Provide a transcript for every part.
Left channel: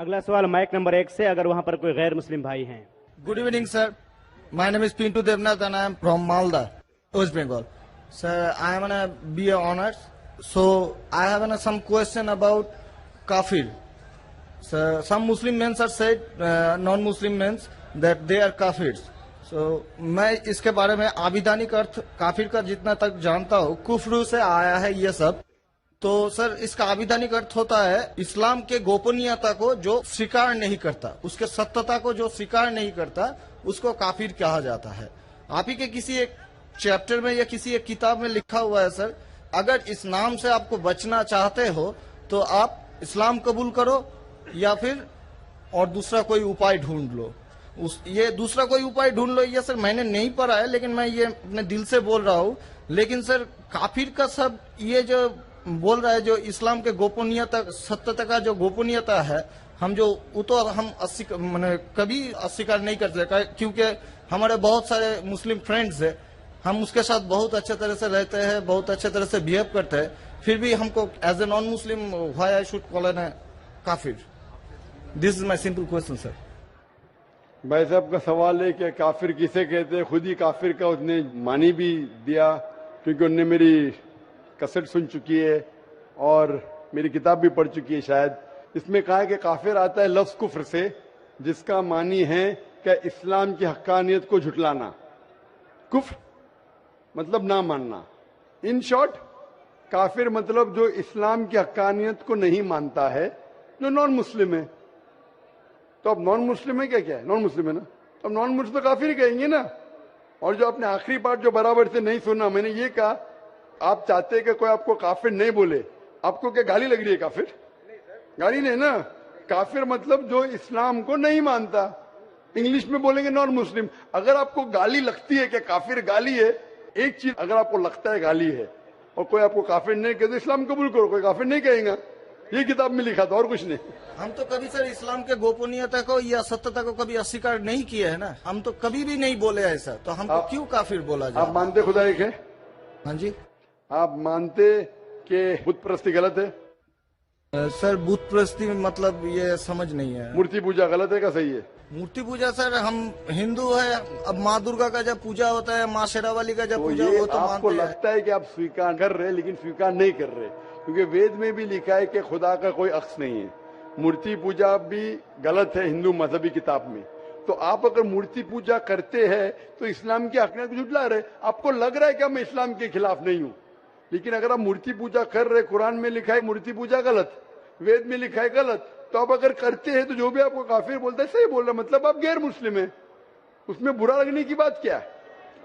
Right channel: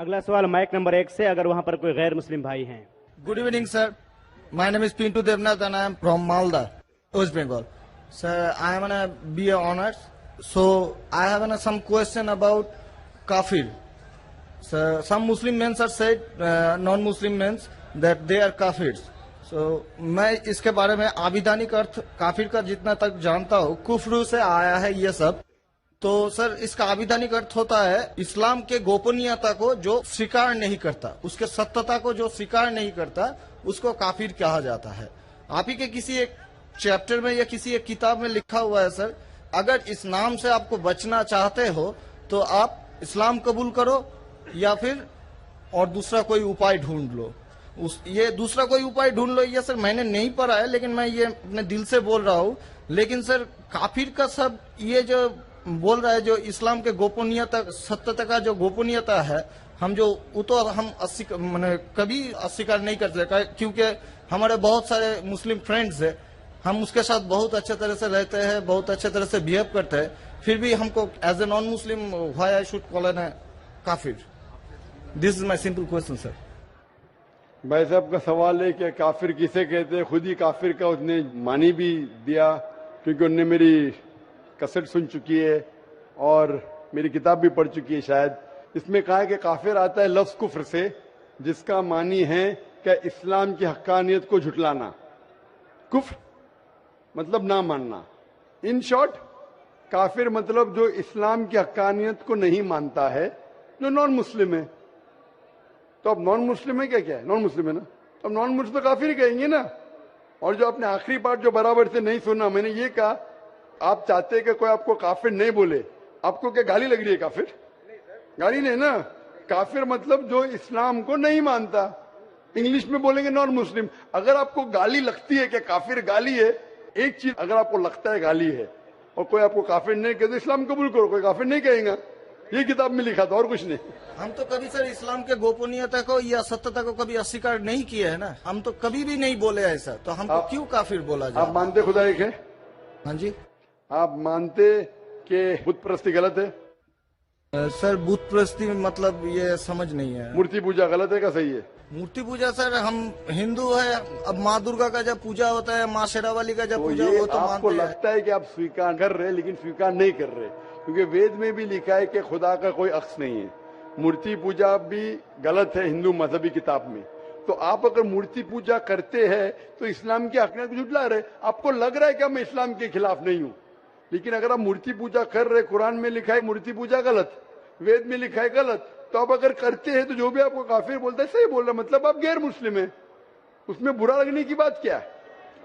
अगला सवाल mic number 1 से, अगर वहां पर कोई गैर मुस्लिम भाई हैं। Good evening, sir. My name is Pintu Devnath and I am from Malda, West Bengal. Sir, I am on a BA honors. So, I have some question about kafir. Sir, some Muslim men are said, non-Muslim men, that they are kafirs. So, मैं इसके बारे में आविधानिक अर्थ काफिर का जितना तक जानता हूँ, कुफ्र से आया है ये सब। तो सर, इसका आविधानिक अर्थ होता है इस्लाम के गोपनीयता को जो स्वीकार नहीं करता, उसके सत्यता को जो स्वीकार नहीं करता, उसको काफिर कहा जाता है। आप ही के किसी एक चैप्टर में या किसी एक किताब में लिखा हुआ है सर, अगर इस नाम से आपको बचना चाहते हो तो आप इस्लाम कबूल करो या फिर और दूसरा कोई उपाय ढूंढ लो। ये दूसरा कोई उपाय ढूंढ लो, ये सर मैंने नहीं पढ़ा है, लेकिन मैं ये अपने दिल से बोल रहा हूँ। लेकिन सर, काफिर का सब ये जो बोल रहा है, जो इस्लाम के गोपनीयता सत्यता का जो गोपनीयता है, हम जो वो तो हम कभी अस्वीकार नहीं करते, क्योंकि हमारे बहुत सारे मुस्लिम फ्रेंड्स हैं, हम उसके साथ बहुत अच्छे तरह से रहते हैं, बहुत अच्छे तरह से बिहेव करते हैं, फिर भी हमको as a non Muslim why I should call an काफिर? This is my simple question sir. भाई साहब का सवाल है कि काफिर किसे कहते हैं। खुद ही काफिर का उसने मानी भी दिया, क्योंकि उनने मेरी कसट सुन चुकी है और मेरी किताब भी पढ़ चुकी है शायद। इसमें कहा है कि काफिर आता है लफ्ज कुफ्र से, जिसका मानी है कि इस्लाम की हक्कानियत को झुटलाना। कुफ्र मतलब ना मानना। इन शॉर्ट, काफिर मतलब जो इस्लाम की हक्कानियत को नहीं मानता है, जो नॉन मुस्लिम है। तो अब नॉन मुस्लिम है क्या है? नॉन मुस्लिम है ना, अब नॉन मुस्लिम तो काफिर ही कहेंगे ना। और जो आपने आखिरी पार्ट जो बराबर से नहीं सुना, मैंने ये कहा, आप चाहते हैं कि कोई आपको काफिर नहीं बोले, आपको क्या गाली लग रही है? काफिर गाली नहीं ना। काफिर मतलब जो इस्लाम को नहीं मानता। इंग्लिश में बोलेंगे नॉन मुस्लिम। अगर आपको गाली लगती है कि काफिर गाली है, एक चीज अगर आपको लगता है गाली है और कोई आपको काफिर नहीं कहते, इस्लाम कबूल करो, कोई काफिर नहीं कहेगा। ये किताब में लिखा था और कुछ नहीं। हम तो कभी सर इस्लाम के गोपनीयता को या सत्यता को कभी अस्वीकार नहीं किया है ना, हम तो कभी भी नहीं बोले ऐसा, तो हमको क्यों काफिर बोला जाए? आप मानते खुदा एक है? हाँ जी। आप मानते कि बुत परस्ती गलत है? सर, बुत परस्ती मतलब ये समझ नहीं है। मूर्ति पूजा गलत है का सही है? मूर्ति पूजा सर, हम हिंदू है, अब माँ दुर्गा का जब पूजा होता है, माँ शेरावाली का जब तो पूजा हो तो आपको मानते लगता है कि आप स्वीकार कर रहे हैं, लेकिन स्वीकार नहीं कर रहे, क्योंकि वेद में भी लिखा है कि खुदा का कोई अक्स नहीं है। मूर्ति पूजा भी गलत है हिंदू मजहबी किताब में। तो आप अगर मूर्ति पूजा करते हैं तो इस्लाम की हकीकत को झुठला रहे। आपको लग रहा है कि मैं इस्लाम के खिलाफ नहीं हूं, लेकिन अगर आप मूर्ति पूजा कर रहे, कुरान में लिखा है मूर्ति पूजा गलत, वेद में लिखा है गलत, तो आप अगर करते हैं तो जो भी आपको काफिर बोलता है सही बोल रहा, मतलब आप गैर मुस्लिम है। उसमें बुरा लगने की बात क्या है?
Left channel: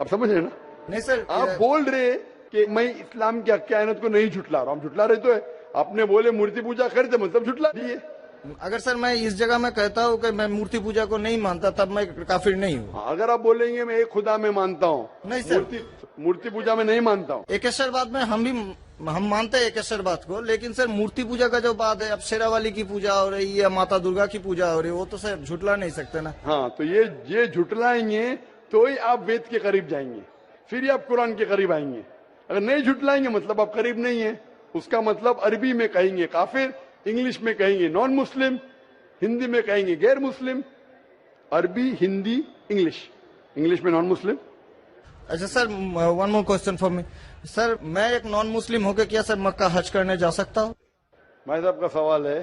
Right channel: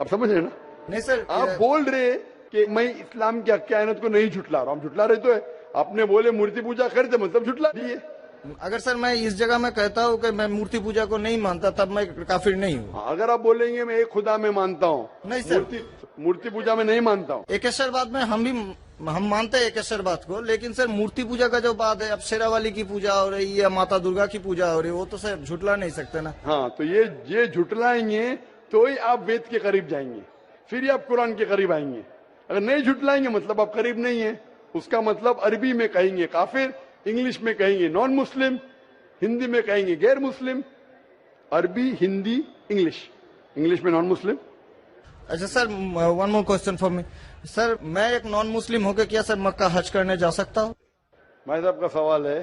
आप समझ रहे ना? नहीं सर, आप बोल रहे कि मैं इस्लाम की हकीकत को नहीं झुटला रहा हूं। हम झुटला रहे तो है। आपने बोले मूर्ति पूजा करते, मतलब झुटला दिए। अगर सर मैं इस जगह में कहता हूँ कि मैं मूर्ति पूजा को नहीं मानता, तब मैं काफिर नहीं हूँ। अगर आप बोलेंगे मैं एक खुदा में मानता हूँ, नहीं सर, मूर्ति पूजा में नहीं मानता हूँ। एकेश्वरवाद में हम मानते हैं एकेश्वरवाद को, लेकिन सर मूर्ति पूजा का जो बात है, अब शेरावाली की पूजा हो रही है, माता दुर्गा की पूजा हो रही है, वो तो सर झुटला नहीं सकते ना। हाँ, तो ये झुटलाएंगे तो ही आप वेद के करीब जाएंगे, फिर ही आप कुरान के करीब आएंगे। अगर नहीं झुटलाएंगे मतलब आप करीब नहीं है। उसका मतलब अरबी में कहेंगे काफिर, इंग्लिश में कहेंगे नॉन मुस्लिम, हिंदी में कहेंगे गैर मुस्लिम। अरबी, हिंदी, इंग्लिश में नॉन मुस्लिम। अच्छा sir, one more question for me sir, मैं एक नॉन मुस्लिम होकर क्या सर मक्का हज करने जा सकता हूँ? भाई साहब का सवाल है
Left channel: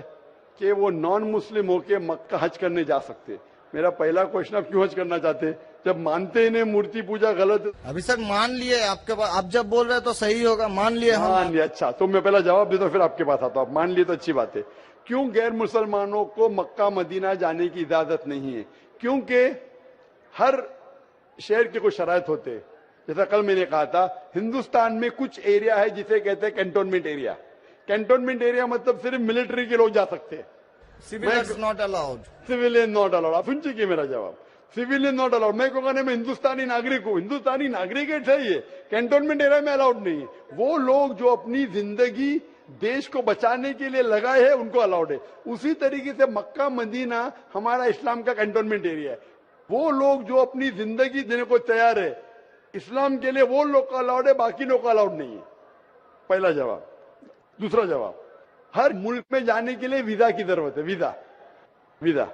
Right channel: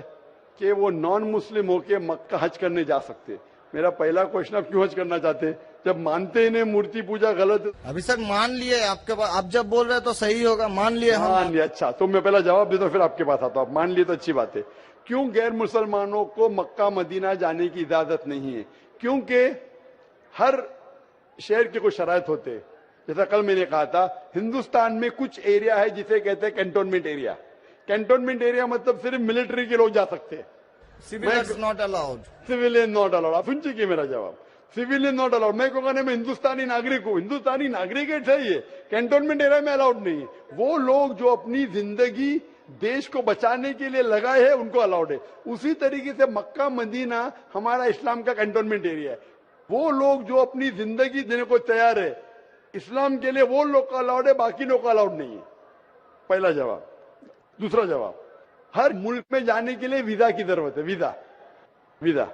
कि वो नॉन मुस्लिम होके मक्का हज करने जा सकते। मेरा पहला क्वेश्चन, आप क्यों हज करना चाहते? जब मानते ही नहीं मूर्ति पूजा गलत। अभी सर मान लिए आपके पास, आप जब बोल रहे हैं तो सही होगा, मान लिए मान लिया। अच्छा, तो मैं पहला जवाब देता हूं, फिर आपके पास आता हूं। आप मान लिए तो अच्छी बात है। क्यों गैर मुसलमानों को मक्का मदीना जाने की इजाजत नहीं है? क्योंकि हर शहर के कुछ शराइत होते हैं। जैसा कल मैंने कहा था, हिंदुस्तान में कुछ एरिया है जिसे कहते हैं कैंटोनमेंट एरिया। कैंटोनमेंट एरिया मतलब सिर्फ मिलिट्री के लोग जा सकते हैं, civilians not allowed. Civilian not allowed. आप सुन चुके मेरा जवाब, सिविलियन नॉट अलाउड। मैं कहूंगा मैं हिंदुस्तानी नागरिक हूं, हिंदुस्तानी नागरिक है सही है, कैंटोनमेंट एरिया में अलाउड नहीं है। वो लोग जो अपनी जिंदगी देश को बचाने के लिए लगाए हैं उनको अलाउड है। उसी तरीके से मक्का मदीना हमारा इस्लाम का कैंटोनमेंट एरिया है। वो लोग जो अपनी जिंदगी देने को तैयार है इस्लाम के लिए, वो लोग का अलाउड है, बाकी लोग का अलाउड नहीं है। पहला जवाब। दूसरा जवाब, हर मुल्क में जाने के लिए वीजा की जरूरत है। Visa visa.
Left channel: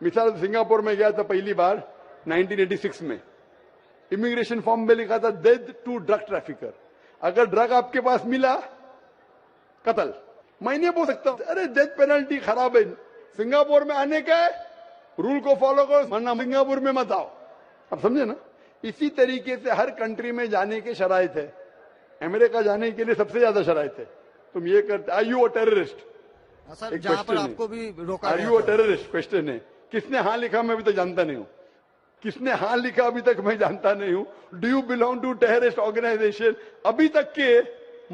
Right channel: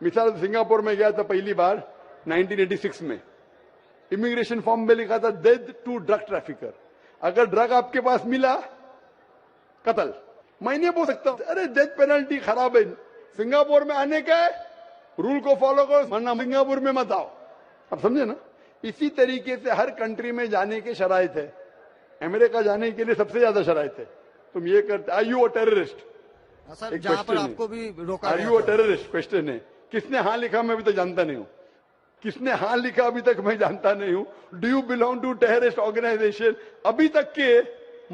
मिसाल सिंगापुर में गया था पहली बार 1986 में, इमिग्रेशन फॉर्म में लिखा था डेथ टू ड्रग ट्रैफिकर। अगर ड्रग आपके पास मिला, कत्ल। मैं नहीं बोल सकता अरे डेथ पेनल्टी खराब है, सिंगापुर में आने का है, रूल को फॉलो करो, वरना सिंगापुर में मत आओ। आप समझे ना? इसी तरीके से हर कंट्री में जाने के शराइत है। अमेरिका जाने के लिए सबसे ज्यादा शराइत है। तुम ये करते, are you a terrorist? Sir एक जहाँ पर question है। आपको भी रोका आर गया यू अ था। टेररिस्ट? क्वेश्चन है। किसने हाँ लिखा मैं अभी तक जानता नहीं हूँ। किसने हाँ लिखा अभी तक मैं जानता नहीं हूँ। Do you belong to terrorist organisation? अभी तक के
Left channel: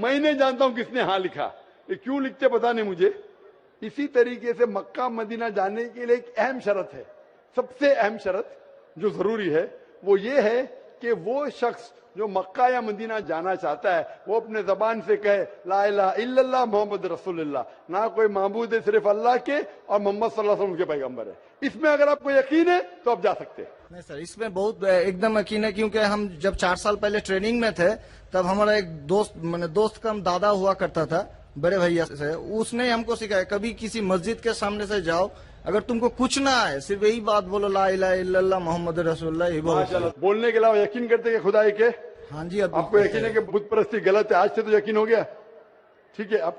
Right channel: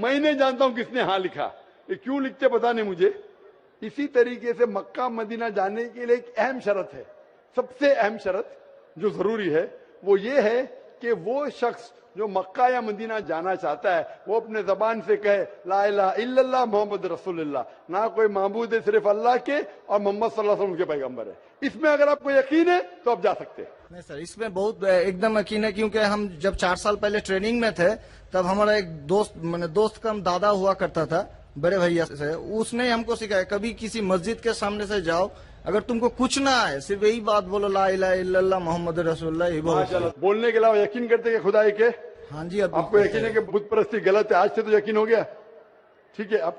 मैं नहीं जानता हूँ किसने हाँ लिखा। ये क्यों लिखते पता नहीं मुझे। इसी तरीके से मक्का मदीना जाने के लिए एक अहम शर्त है, सबसे अहम शर्त जो जरूरी है वो ये है कि वो शख्स जो मक्का या मदीना जाना चाहता है वो अपने जबान से कहे ला इलाहा इल्लल्लाह मोहम्मद रसूलुल्लाह, ना कोई माबूद है सिर्फ अल्लाह के और मोहम्मद सल्लल्लाहु अलैहि वसल्लम उनके पैगंबर है। इसमें अगर आपको यकीन है तो आप जा सकते हैं। नहीं सर, इसमें बहुत एकदम यकीन है, क्योंकि हम जब 4 साल पहले ट्रेनिंग में थे तब हमारा एक दोस्त, मैंने दोस्त का दादा हुआ करता था, बड़े भैया से, उसने हमको सिखाया कभी किसी मस्जिद के सामने से जाओ, अगर तुमको कुछ ना आए सिर्फ यही बात बोलो ला इलाहा इल्लल्लाह मोहम्मद रसूलुल्लाह, ये बोलो। माशाल्लाह। बोलने के अलावा यकीन करते हैं खुदा एक है? हाँ जी। अब आपको यकीन है कि बुत परस्ती गलत है? आज से तो यकीन हो गया, ठीक है? आप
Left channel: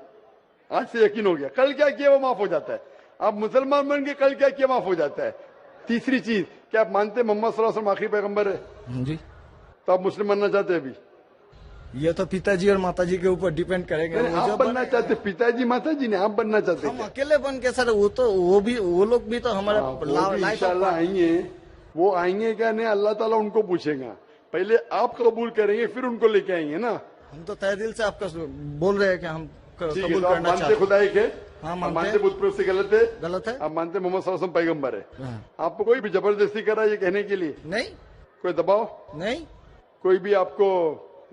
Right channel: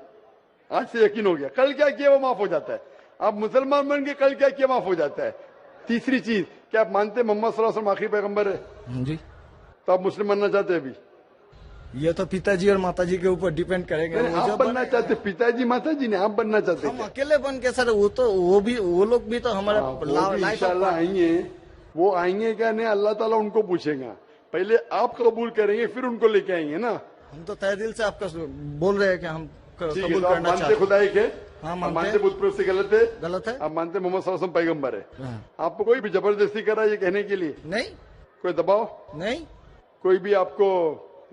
आज से यकीन हो गया, कल क्या किया वो माफ हो जाता है। आप मुसलमान बन के कल क्या किया माफ हो जाता है। तीसरी चीज, क्या आप मानते हैं मोहम्मद सल्लल्लाहु अलैहि वसल्लम आखिरी पैगंबर है? हाँ जी। तो आप मुस्लिम बनना चाहते हैं? अभी ये तो पिताजी और माताजी के ऊपर डिपेंड करेंगे। नहीं, आप बनना चाहते, पिताजी माताजी ने, आप बनना चाहते हम क्या? अकेले बन के सर, वो लोग भी तो हमारे वो भी लाइफ इंशाल्लाह आएंगे। वो आएंगे क्या नहीं, अल्लाह ताला उनको पूछेगा। पहले आप कबूल करेंगे फिर उनको लेके आएंगे ना। हम तो तहे दिल से आपका बोल रहे हैं कि हम ठीक है, कबूल तो आप करना मानते चाहते खुदा एक है? हाँ, आप मानते मानते हैं। बुत परस्ती गलत है? गलत है? आप मानते मोहम्मद सल्लल्लाहु अलैहि वसल्लम पैगंबर है? हाँ। आपको कोई भी जबरदस्ती करा ये कहने के लिए? नहीं कोई दबाव? नहीं कोई भी आपको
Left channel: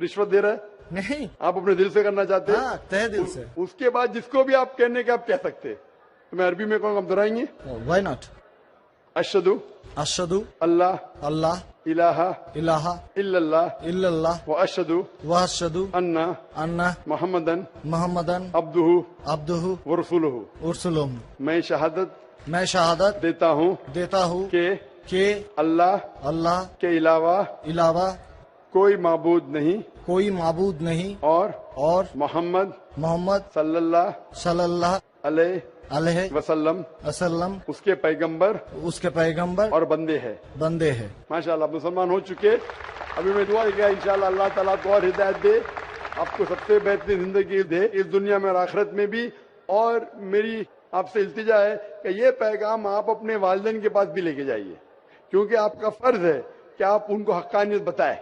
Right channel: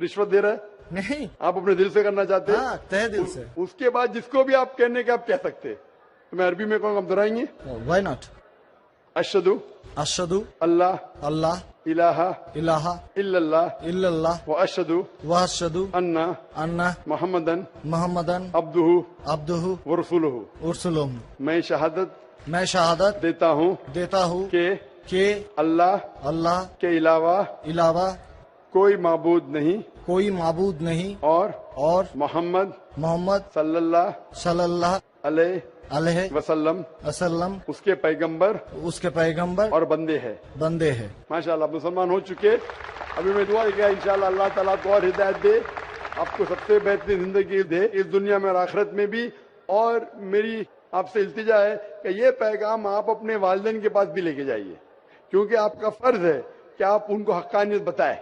रिश्वत दे रहा है? नहीं। आप अपने दिल से करना चाहते हैं? हाँ, तहे दिल से। उसके बाद जिसको भी आप कहने के आप कह सकते हैं। तो मैं अरबी में कहूँगा, आप दोहराएंगे? Why not? अशहदु अशहदु अल्लाह अल्लाह इलाहा इलाहा इल्लल्लाह इल्लल्लाह व अशहदु व अशहदु अन्ना अन्ना मोहम्मदन मोहम्मदन अब्दुहु अब्दुहु व रसूलुहु। उरसुलुहु। मैं शहादत मैं शहादत देता हूँ देता हूँ कि कि अल्लाह अल्लाह के अलावा इलावा कोई माबूद नहीं कोई माबूद नहीं और मोहम्मद मोहम्मद सल्लल्लाहु सल्लल्लाहु अलैहि अलैहि वसल्लम वसल्लम उसके पैगंबर उसके पैगंबर और बंदे हैं। बंदे हैं। माशाल्लाह, मुसलमान हो चुके। अभी मैं दुआ किया इंशाल्लाह अल्लाह ताला आपको और हिदायत दे, आपको सबसे बेहतरीन जिंदगी दे इस दुनिया में और आखिरत में भी। और मेरी आपसे इल्तिजा है कि ये पैगाम आप अपने वालिदैन के पास भी लेके जाइए, क्योंकि आपका फर्ज है कि आप उनको हक्कानियत बताएं।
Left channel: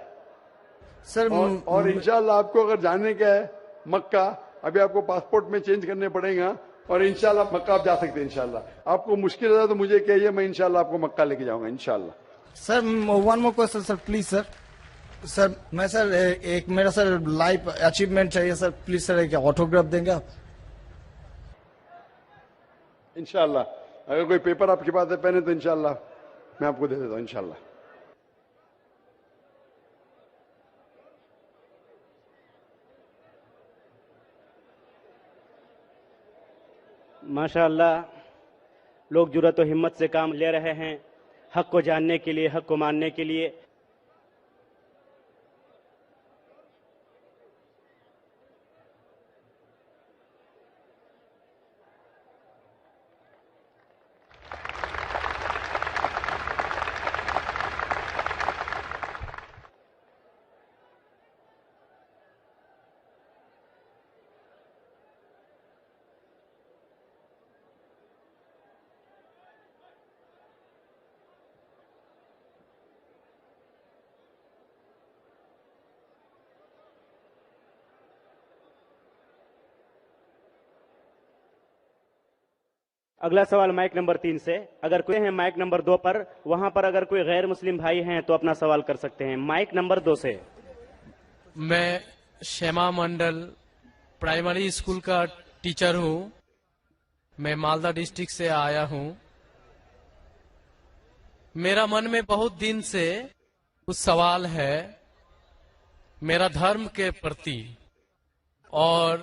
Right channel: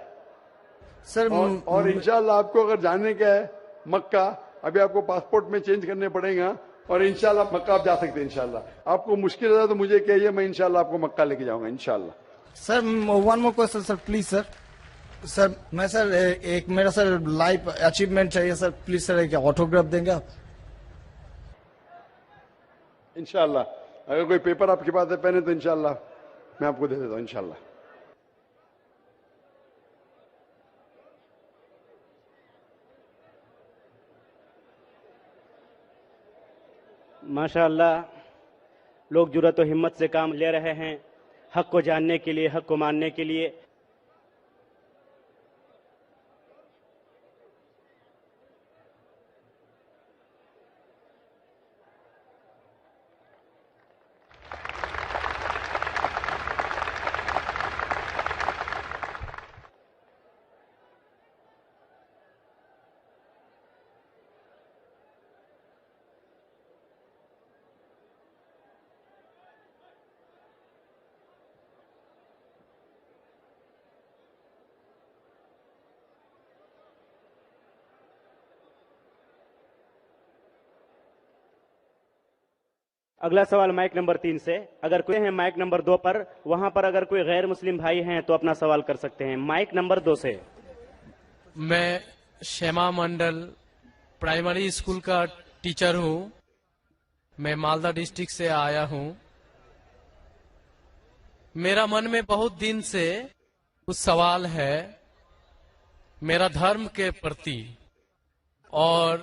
सर और इंशाल्लाह आपको अगर जाने का है मक्का, अभी आपको पासपोर्ट में चेंज करने पड़ेगा और इंशाल्लाह मक्का आप जा सकते हैं। इंशाल्लाह आपको मुश्किल है तो मुझे कहिए, मैं इंशाल्लाह आपको मक्का लेके जाऊंगा इंशाल्लाह। Sir one more question sir, please sir. Sir मैं सर एक मेरा सर लाइफ अचीवमेंट चाहिए सर, प्लीज सर एक ऑटोग्राफ देंगे आप? इंशाल्लाह अगर कोई पेपर आपके पास है पहने तो इंशाल्लाह मैं आपको दे देता हूँ इंशाल्लाह। माशाअल्लाह, लोग जुर्रत और हिम्मत से काम ले रहे हैं हक को जानने के लिए, हक को मानने के लिए। अगला सवाल माइक नंबर 3 से। अगर कोई है माइक नंबर 2 पर, वहां पर अगर कोई गैर मुस्लिम भाई हैं तो अपना सवाल कर सकते हैं। माइक नंबर 2 से। मैं श्यामा मंडल प्राइमरी स्कूल का टीचर हूं। मैं मालदा डिस्ट्रिक्ट से आया हूं। मेरा मन में बहुत दिन से कुछ सवाल है मेरा धर्म के प्रति, और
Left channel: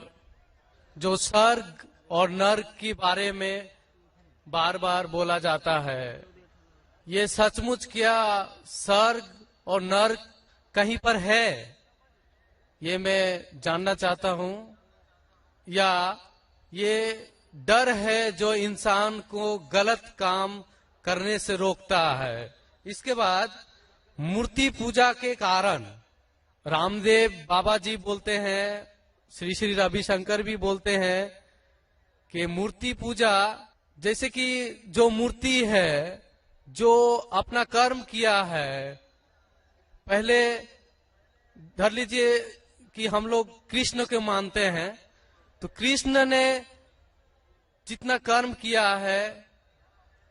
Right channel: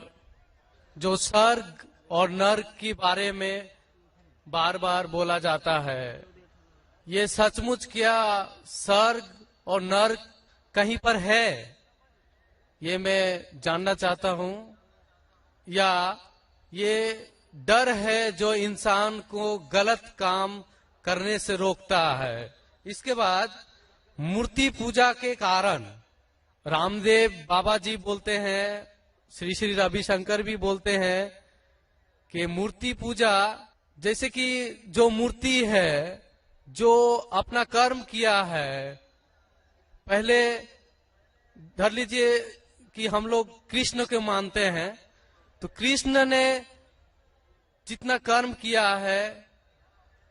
जो स्वर्ग और नर्क के बारे में बार बार बोला जाता है, ये सचमुच क्या स्वर्ग और नर्क कहीं पर है? ये मैं जानना चाहता हूं। या ये डर है जो इंसान को गलत काम करने से रोकता है? इसके बाद मूर्ति पूजा के कारण रामदेव बाबा जी बोलते हैं, श्री श्री रविशंकर भी बोलते हैं कि मूर्ति पूजा, जैसे कि जो मूर्ति है, जो अपना कर्म किया है, पहले धर लीजिए कि हम लोग कृष्ण को मानते हैं, तो कृष्ण ने जितना कर्म किया है,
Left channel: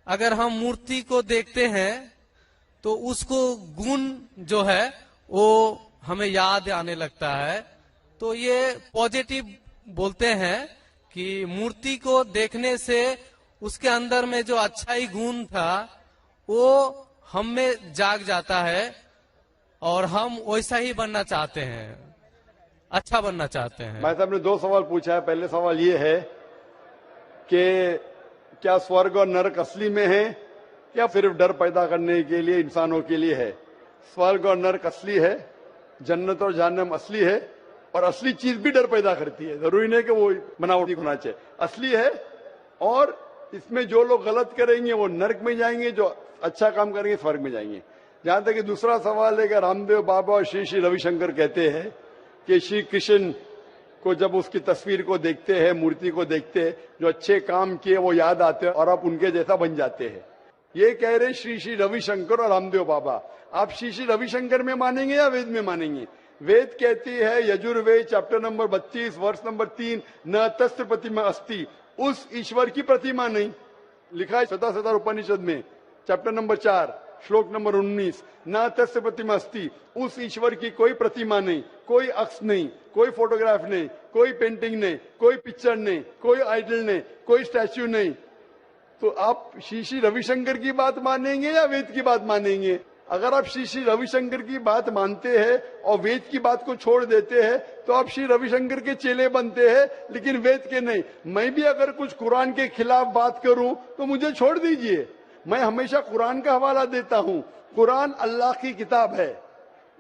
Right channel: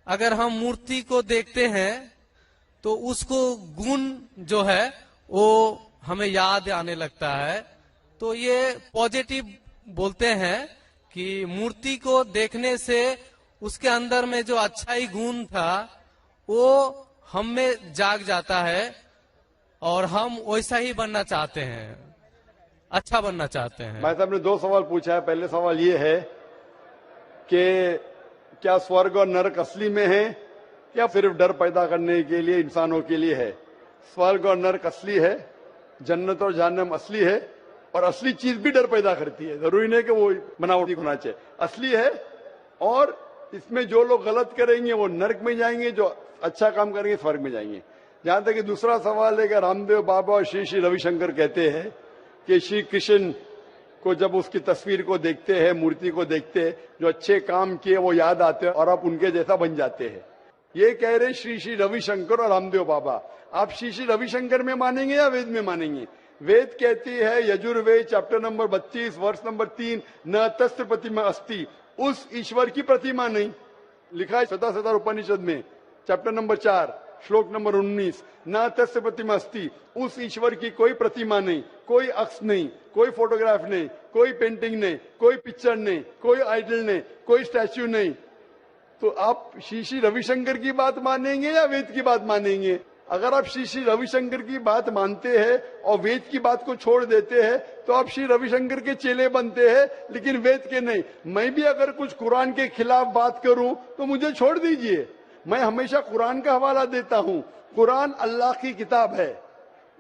अगर हम मूर्ति को देखते हैं तो उसको गुण जो है वो हमें याद आने लगता है। तो ये पॉजिटिव बोलते हैं कि मूर्ति को देखने से उसके अंदर में जो अच्छाई गुण था वो हम में जाग जाता है और हम वैसा ही बनना चाहते हैं, अच्छा बनना चाहते हैं। भाई साहब ने 2 सवाल पूछा है। पहले सवाल ये है कि क्या स्वर्ग और नरक असली में है या सिर्फ डर पैदा करने के लिए इंसानों के लिए है? स्वर्ग और नरक असली है, जन्नत और जहन्नम असली है, और असली चीज भी डर पैदा करती है। जरूरी नहीं कि वो बनावटी होना चाहिए, असली है। और इसमें जो लोग गलत करेंगे वो नरक में जाएंगे, जो अच्छा काम करेंगे स्वर्ग में जाएंगे। जहां तक कि दूसरा सवाल है कि रामदेव बाबा और श्री श्री रविशंकर कहते हैं कि श्री कृष्ण को जब उसकी तस्वीर को देखते हैं, मूर्ति को देखते हैं, जो अच्छे काम किए वो याद आते हैं और आप उनके जैसा बन जाते हैं। ये कह रहे श्री श्री रविशंकर और रामदेव बाबा। आप श्री श्री रविशंकर में मानेंगे या वेद में मानेंगे? वेद कहती है, यजुर्वेद चैप्टर नंबर 32 वर्ष नंबर 3, न तस्य प्रतिमा अस्ति, उस ईश्वर की प्रतिमा नहीं। लिखा है शतशतर उपनिषद में चैप्टर नंबर 4 श्लोक नंबर 19, न तस्य प्रतिमा अस्ति, उस ईश्वर की कोई प्रतिमा नहीं, कोई अक्ष नहीं, कोई फोटोग्राफ नहीं, कोई पेंटिंग नहीं, कोई पिक्चर नहीं, कोई आइडल नहीं, कोई स्टैच्यू नहीं। तो आप श्री श्री रविशंकर की बात मानेंगे या वेद की बात मानेंगे? अगर आप श्री श्री रविशंकर की बात मानते हैं और वेद की बात को छोड़ देते हैं तो आप श्री रविशंकर के चेले बनते हैं, लेकिन वेद के नहीं। मैं भी अगर कुछ कुरान के खिलाफ बात करूं तो मुझे छोड़ दीजिए। मैं हमेशा कुरान का हवाला देता हूं। कुरान अल्लाह की किताब है,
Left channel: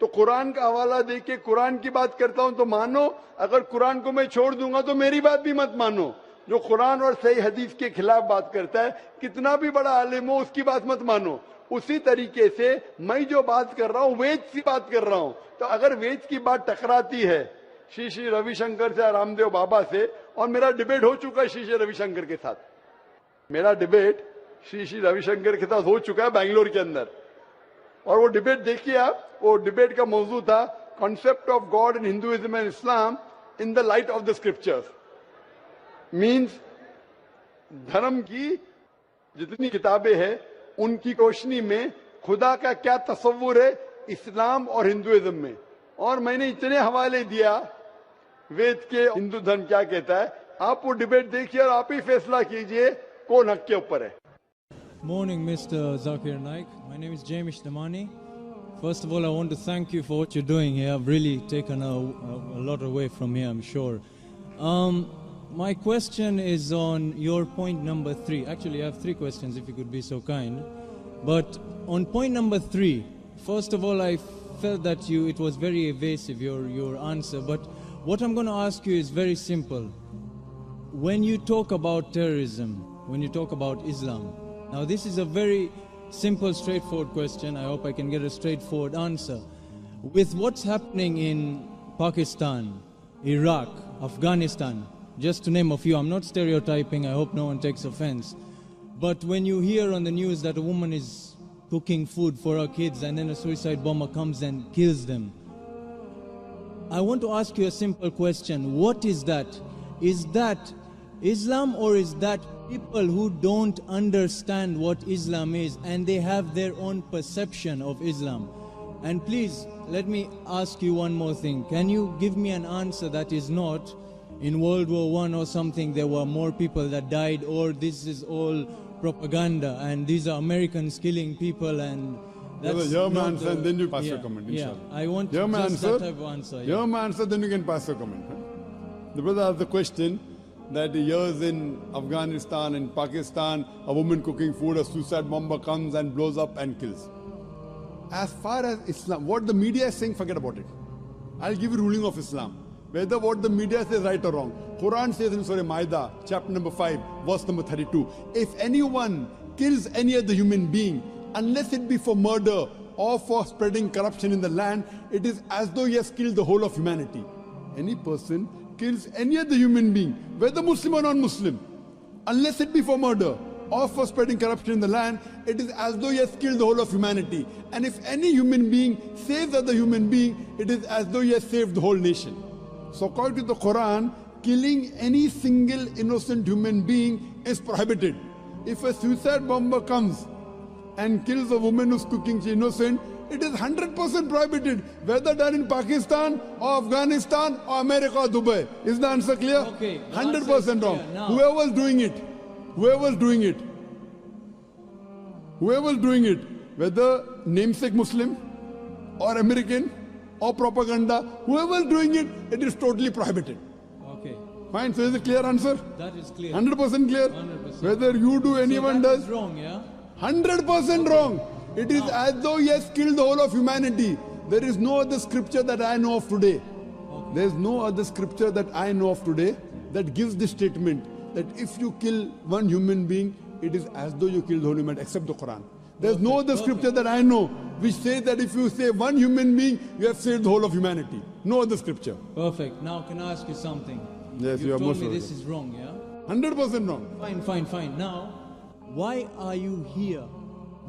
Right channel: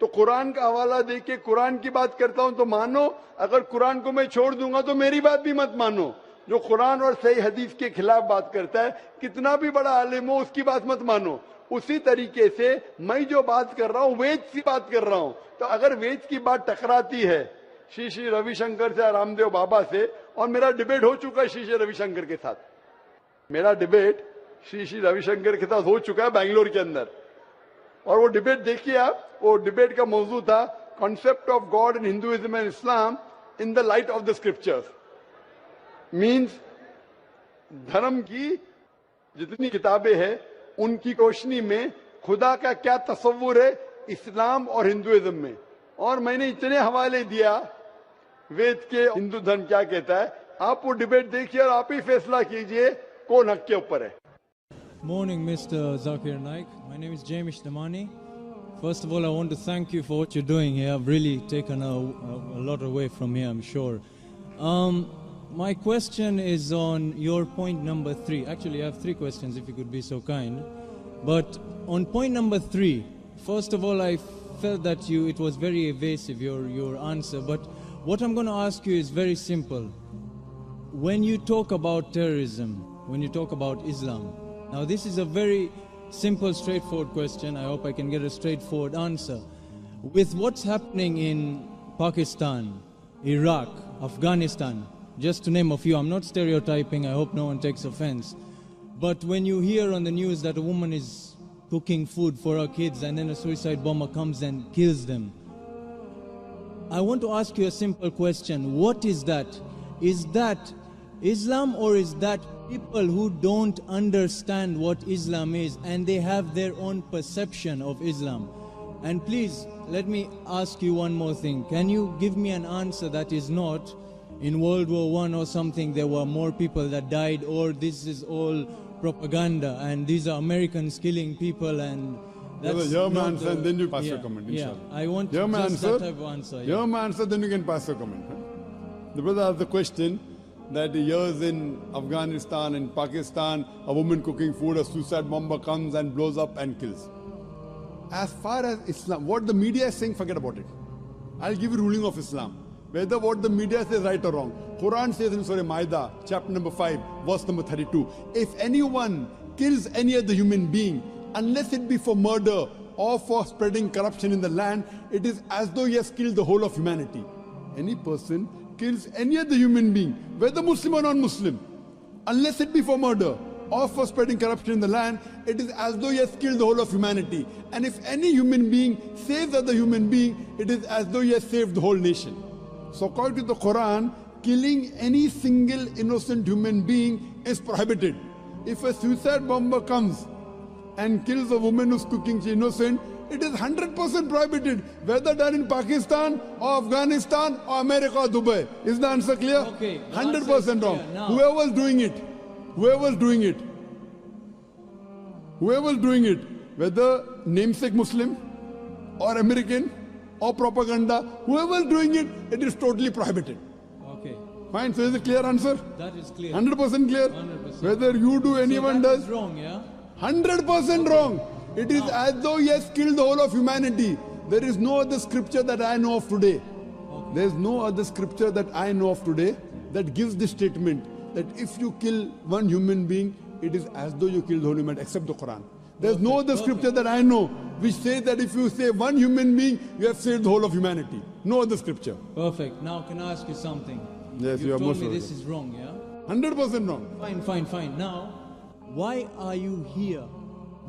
तो कुरान का हवाला दे के कुरान की बात करता हूं तो मानो। अगर कुरान को मैं छोड़ दूंगा तो मेरी बात भी मत मानो। जो कुरान और सही हदीस के खिलाफ बात करता है, कितना भी बड़ा आलिम हो, उसकी बात मत मानो। उसी तरीके से मैं जो बात कर रहा हूं वेद की बात कर रहा हूं। तो अगर वेद की बात टकराती है श्री श्री रविशंकर से, रामदेव बाबा से, और मेरा डिबेट हो चुका है श्री श्री रविशंकर के साथ, मेरा डिबेट श्री श्री रविशंकर के साथ हो चुका है बेंगलोर के अंदर। और वो डिबेट देखिए आप, वो डिबेट का मौजू था concept of God in Hinduism and Islam in the light of the scriptures. Means धर्म की जितनी किताबें हैं उनकी रोशनी में खुदा का क्या तस्वुर है इस्लाम और हिंदुइज्म में। और मैंने इतने हवाले दिया वेद के, हिंदू धर्म क्या कहता है। आप वो डिबेट देखिए और आप ही फैसला कीजिए कौन हक के ऊपर है। Morning, Mr. Zakir Naik. My name is James Damani. First of all, I want to thank you for what you're doing here. I've really taken a lot away from here, I'm sure. My question is on your point number 3. Actually, I have 3 questions, if you could be so kind. But on point number 3, first of all, I felt that it was very evasive, your answer. But what I'm going to ask you is very simple. When you talk about terrorism, when you talk about Islam, now this is a very simple, straightforward question. I hope I can get a straightforward answer. With what's happening in Pakistan, Iraq, Afghanistan, just to name a few, I'm not stereotyping, I hope no one takes offense. But when you hear on the news that a woman is cooking food for her kids and then a suicide bomber comes and kills them, I want to ask you a simple question. What is that? Is that Islam, or is that people who don't understand what Islam is and they have their own perception of Islam? And please, let me ask you one more thing. Can you give me an answer that is not in World War I or something there were more people that died, or this is all propaganda and these are Americans killing people and that's Hear my not answer and then you pass your comment, yeah, inshallah. I want Hear my just answer. that type of answer. Hear my answer, then you can pass your comment. The brother asked the question that years in Afghanistan and Pakistan, a woman cooking food, a suicide bomber comes and blows up and kills. As far as Islam, what the media is saying, forget about it. I'll give you ruling of Islam. Whether what the media says right or wrong. Quran says in Surah Ma'idah, chapter number 5, verse number 32, if anyone kills any other human being, unless it be for murder or for spreading corruption in the land, it is as though he has killed the whole of humanity. Any person kills any other human being, whether Muslim or non-Muslim, unless it be for murder or for spreading corruption in the land, it is as though he has killed the whole of humanity. And if any human being saves other human being, it is as though he has saved the whole nation. So according to the Quran, killing any single innocent human being is prohibited. If a suicide bomber comes and kills a woman who's cooking, she's innocent, it is 100% prohibited, whether done in Pakistan or Afghanistan or America or Dubai. Is the answer clear? Okay, the 100% answer is wrong. clear. Now- Whoever's doing it, whether namesake Muslim or American or propaganda, whoever's doing it, it is totally prohibited. Okay, Fine, so is it clear answer? that is clear. 100% clear? 100%. Whether you do, anyone so that does, is wrong, yeah? 100% wrong. It is as though he has killed the whole of humanity. There is no other scripture that I know of today. There is no other scripture that I know of today that gives this statement that if you kill one human being, it is as though you killed the whole humanity, except the Quran. There is no other scripture that I know which says that if you save one human being, you have saved the whole of humanity. No other scripture. Perfect. Now can I ask you something? Yes, you you are told most me welcome. this is wrong, yeah? 100% wrong. Fine. Now, why are you here?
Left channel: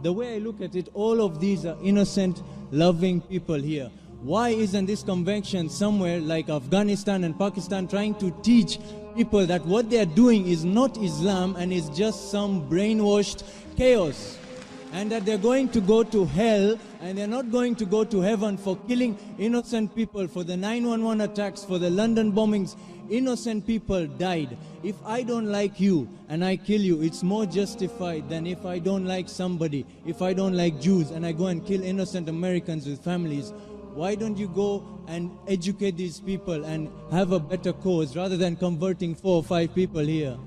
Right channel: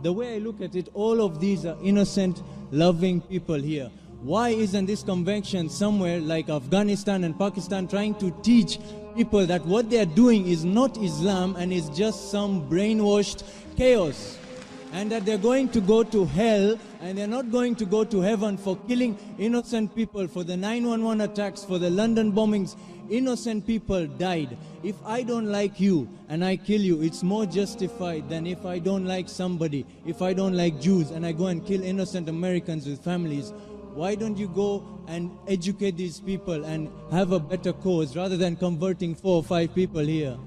The way I look at it, all of these are innocent, loving people here. Why isn't this convention somewhere like Afghanistan and Pakistan trying to teach people that what they are doing is not Islam and is just some brainwashed chaos? And that they're going to go to hell and they're not going to go to heaven for killing innocent people, for the 911 attacks, for the London bombings. Innocent people died. If I don't like you and I kill you, it's more justified than if I don't like somebody. If I don't like Jews and I go and kill innocent Americans with families, why don't you go and educate these people and have a better cause rather than converting 4 or 5 people here?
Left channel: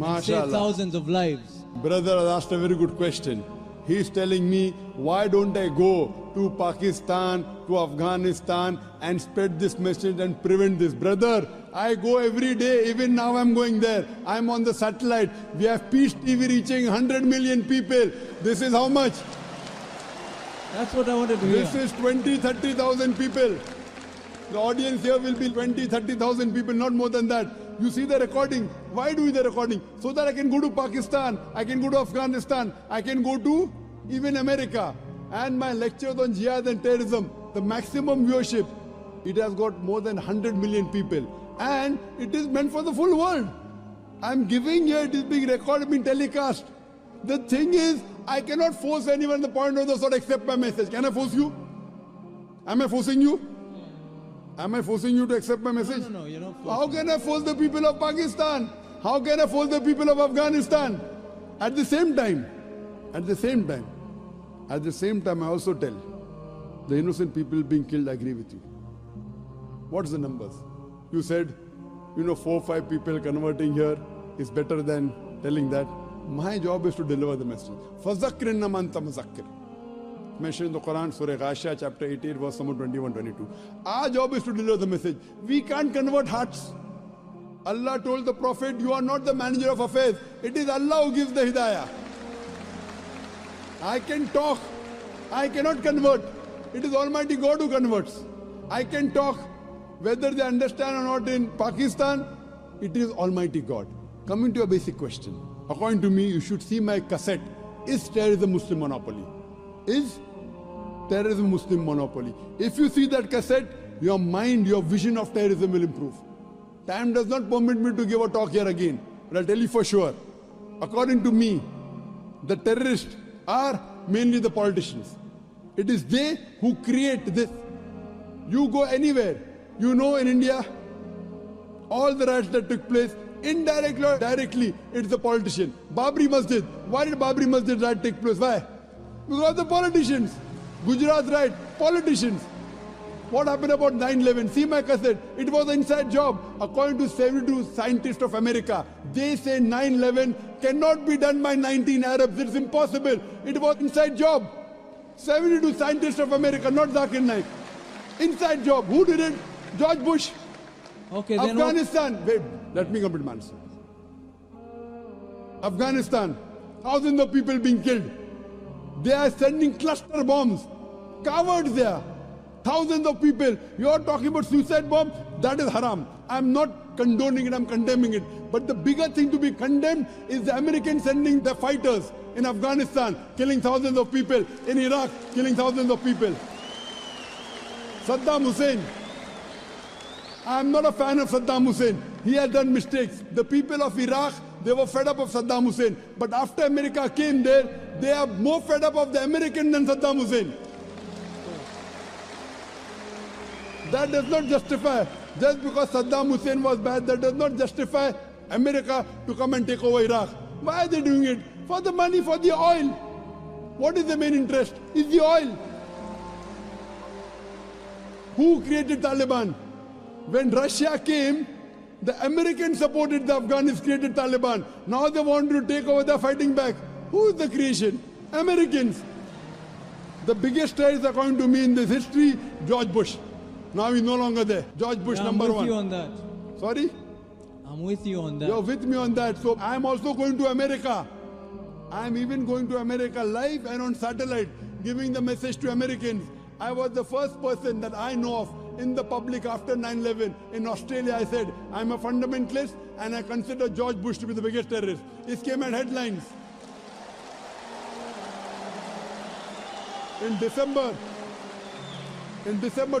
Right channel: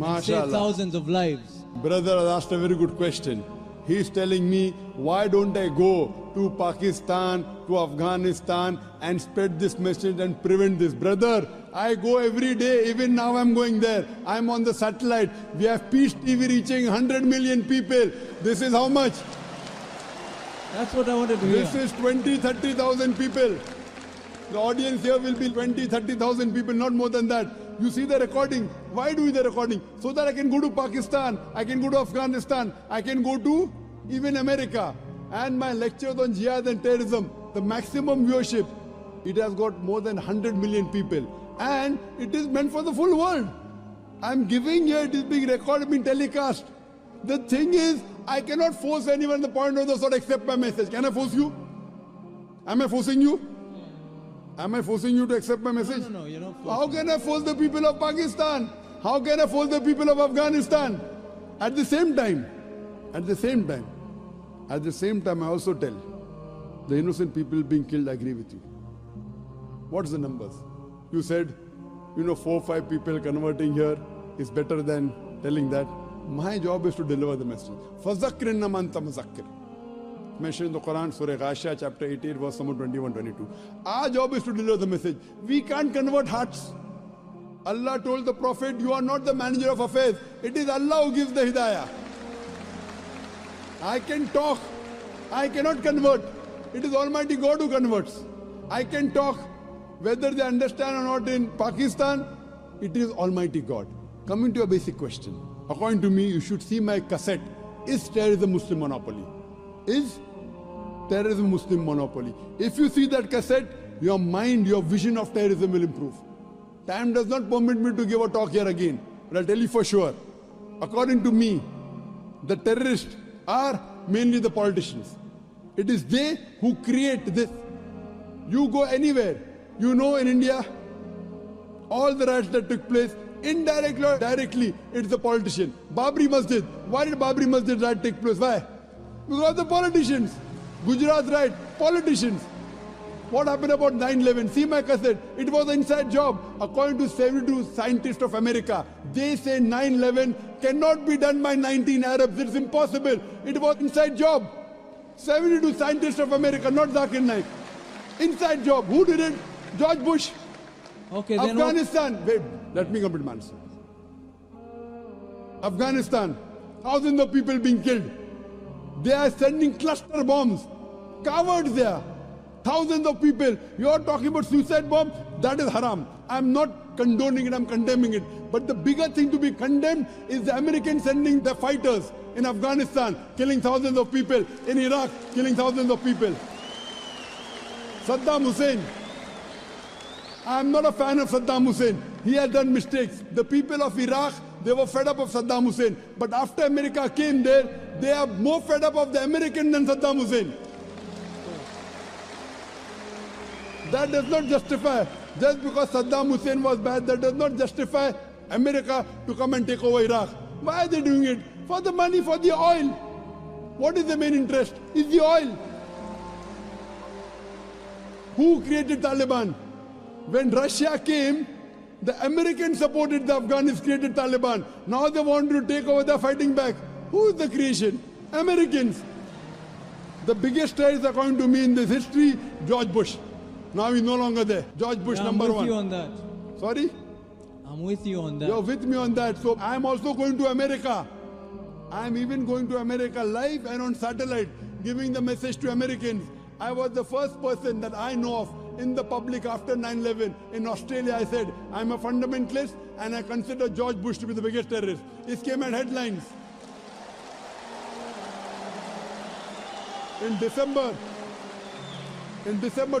And save MashaAllah. thousands of lives. Brother has asked a very good question. He is telling me, why don't I go to Pakistan, to Afghanistan and spread this message and prevent this? Brother, I go every day, even now I'm going there. I'm on the satellite. We have Peace TV reaching 100 million people. This is how much? That's what I wanted to hear. This is 20, 30,000 people. The audience here will be 20, 30,000 people, not more than that. You see the recording. Why do the recording? So that I can go to Pakistan, I can go to Afghanistan, I can go to even America. And my lectures on jihad and terrorism, the maximum viewership, it has got more than 100 million people. And it is meant for the full world. I'm giving here, it is being recorded, being telecast. The thing is, I cannot force anyone at the point of the sort accept my message. Can I force you? Am I forcing you? Am I forcing you to accept my message? No, you're not forcing. How can I force the people of Pakistan? How can I force the people of Afghanistan? At the same time, I also tell the innocent people being killed, I agree with you. What's the numbers? You said, 4 or 5 people converting here is better than telling that. My job is to deliver the message. فَذَكِّرْ إِنَّمَا أَنْتَ مُذَكِّرٌ. Mentioned in the Quran, Surah Ghashiyah, chapter 18, verse number 21, 22. Our job is to deliver the message. We can't convert hearts. Allah told the Prophet, you are not the manager of affairs. It is Allah who gives the hidayah. I can talk. I cannot convert. It is Almighty God who converts. I can talk. Whether they understand or not in Pakistan, it is Almighty God. Coming to a basic question. According to me, you should see my cassette. Is terrorism Muslim monopoly? Is terrorism Muslim monopoly? If you see that cassette, your mind, your vision of terrorism will improve. Time does not permit me to give a talk here again, but I'll tell you for sure. According to me, the terrorists are mainly the politicians. It is they who create this. You go anywhere, in India, all the riots that took place, indirectly or directly, it's the politician. Babri Masjid. Why did Babri Masjid riot take place? Why? Because the politicians. Gujarat riot, politicians. What happened about 9/11? See my cassette. It was an inside job. According to 72 scientists of America, they say 9/11 cannot be done by 19 Arabs. It's impossible. It was inside job. 72 scientists of America, not Zakir Naik. Inside job. Who did it? George Bush. Okay, then what, Afghanistan. Wait, let me complete my answer. Afghanistan. Thousands of people being killed. They are sending cluster bombs. Cowards there. Thousands of people. You are talking about suicide bomb? That is haram. I'm not condoning it, I'm condemning it. But the bigger thing to be condemned is the Americans sending their fighters in Afghanistan, killing thousands of people. In Iraq, killing thousands of people. Saddam Hussein. I'm not a fan of Saddam Hussein. He has done mistakes. The people of Iraq, they were fed up of Saddam Hussein. But after America came there, they are more fed up of the American than Saddam Hussein. That does not justify, just because Saddam Hussein was bad, that does not justify America to come and take over Iraq. Why are they doing it? For the money, for the oil. What is the main interest? Is the oil. Who created Taliban? When Russia came, the Americans supported the Afghans, created Taliban. Now they want to take over, they're fighting back. Who is the creation? Americans. The biggest terrorist, according to me, in this history, George Bush. Now he's no longer there. George Bush, yeah, number I'm with one. you on that. Sorry? I'm with you on that. You're with me on that. So I'm also going to America. I'm even going to America live and on satellite, giving the message to Americans. I was the first person that I know of in the public after 9/11 in Australia. I said, I'm a fundamentalist and I consider George Bush to be the biggest terrorist. It came at headlines. In December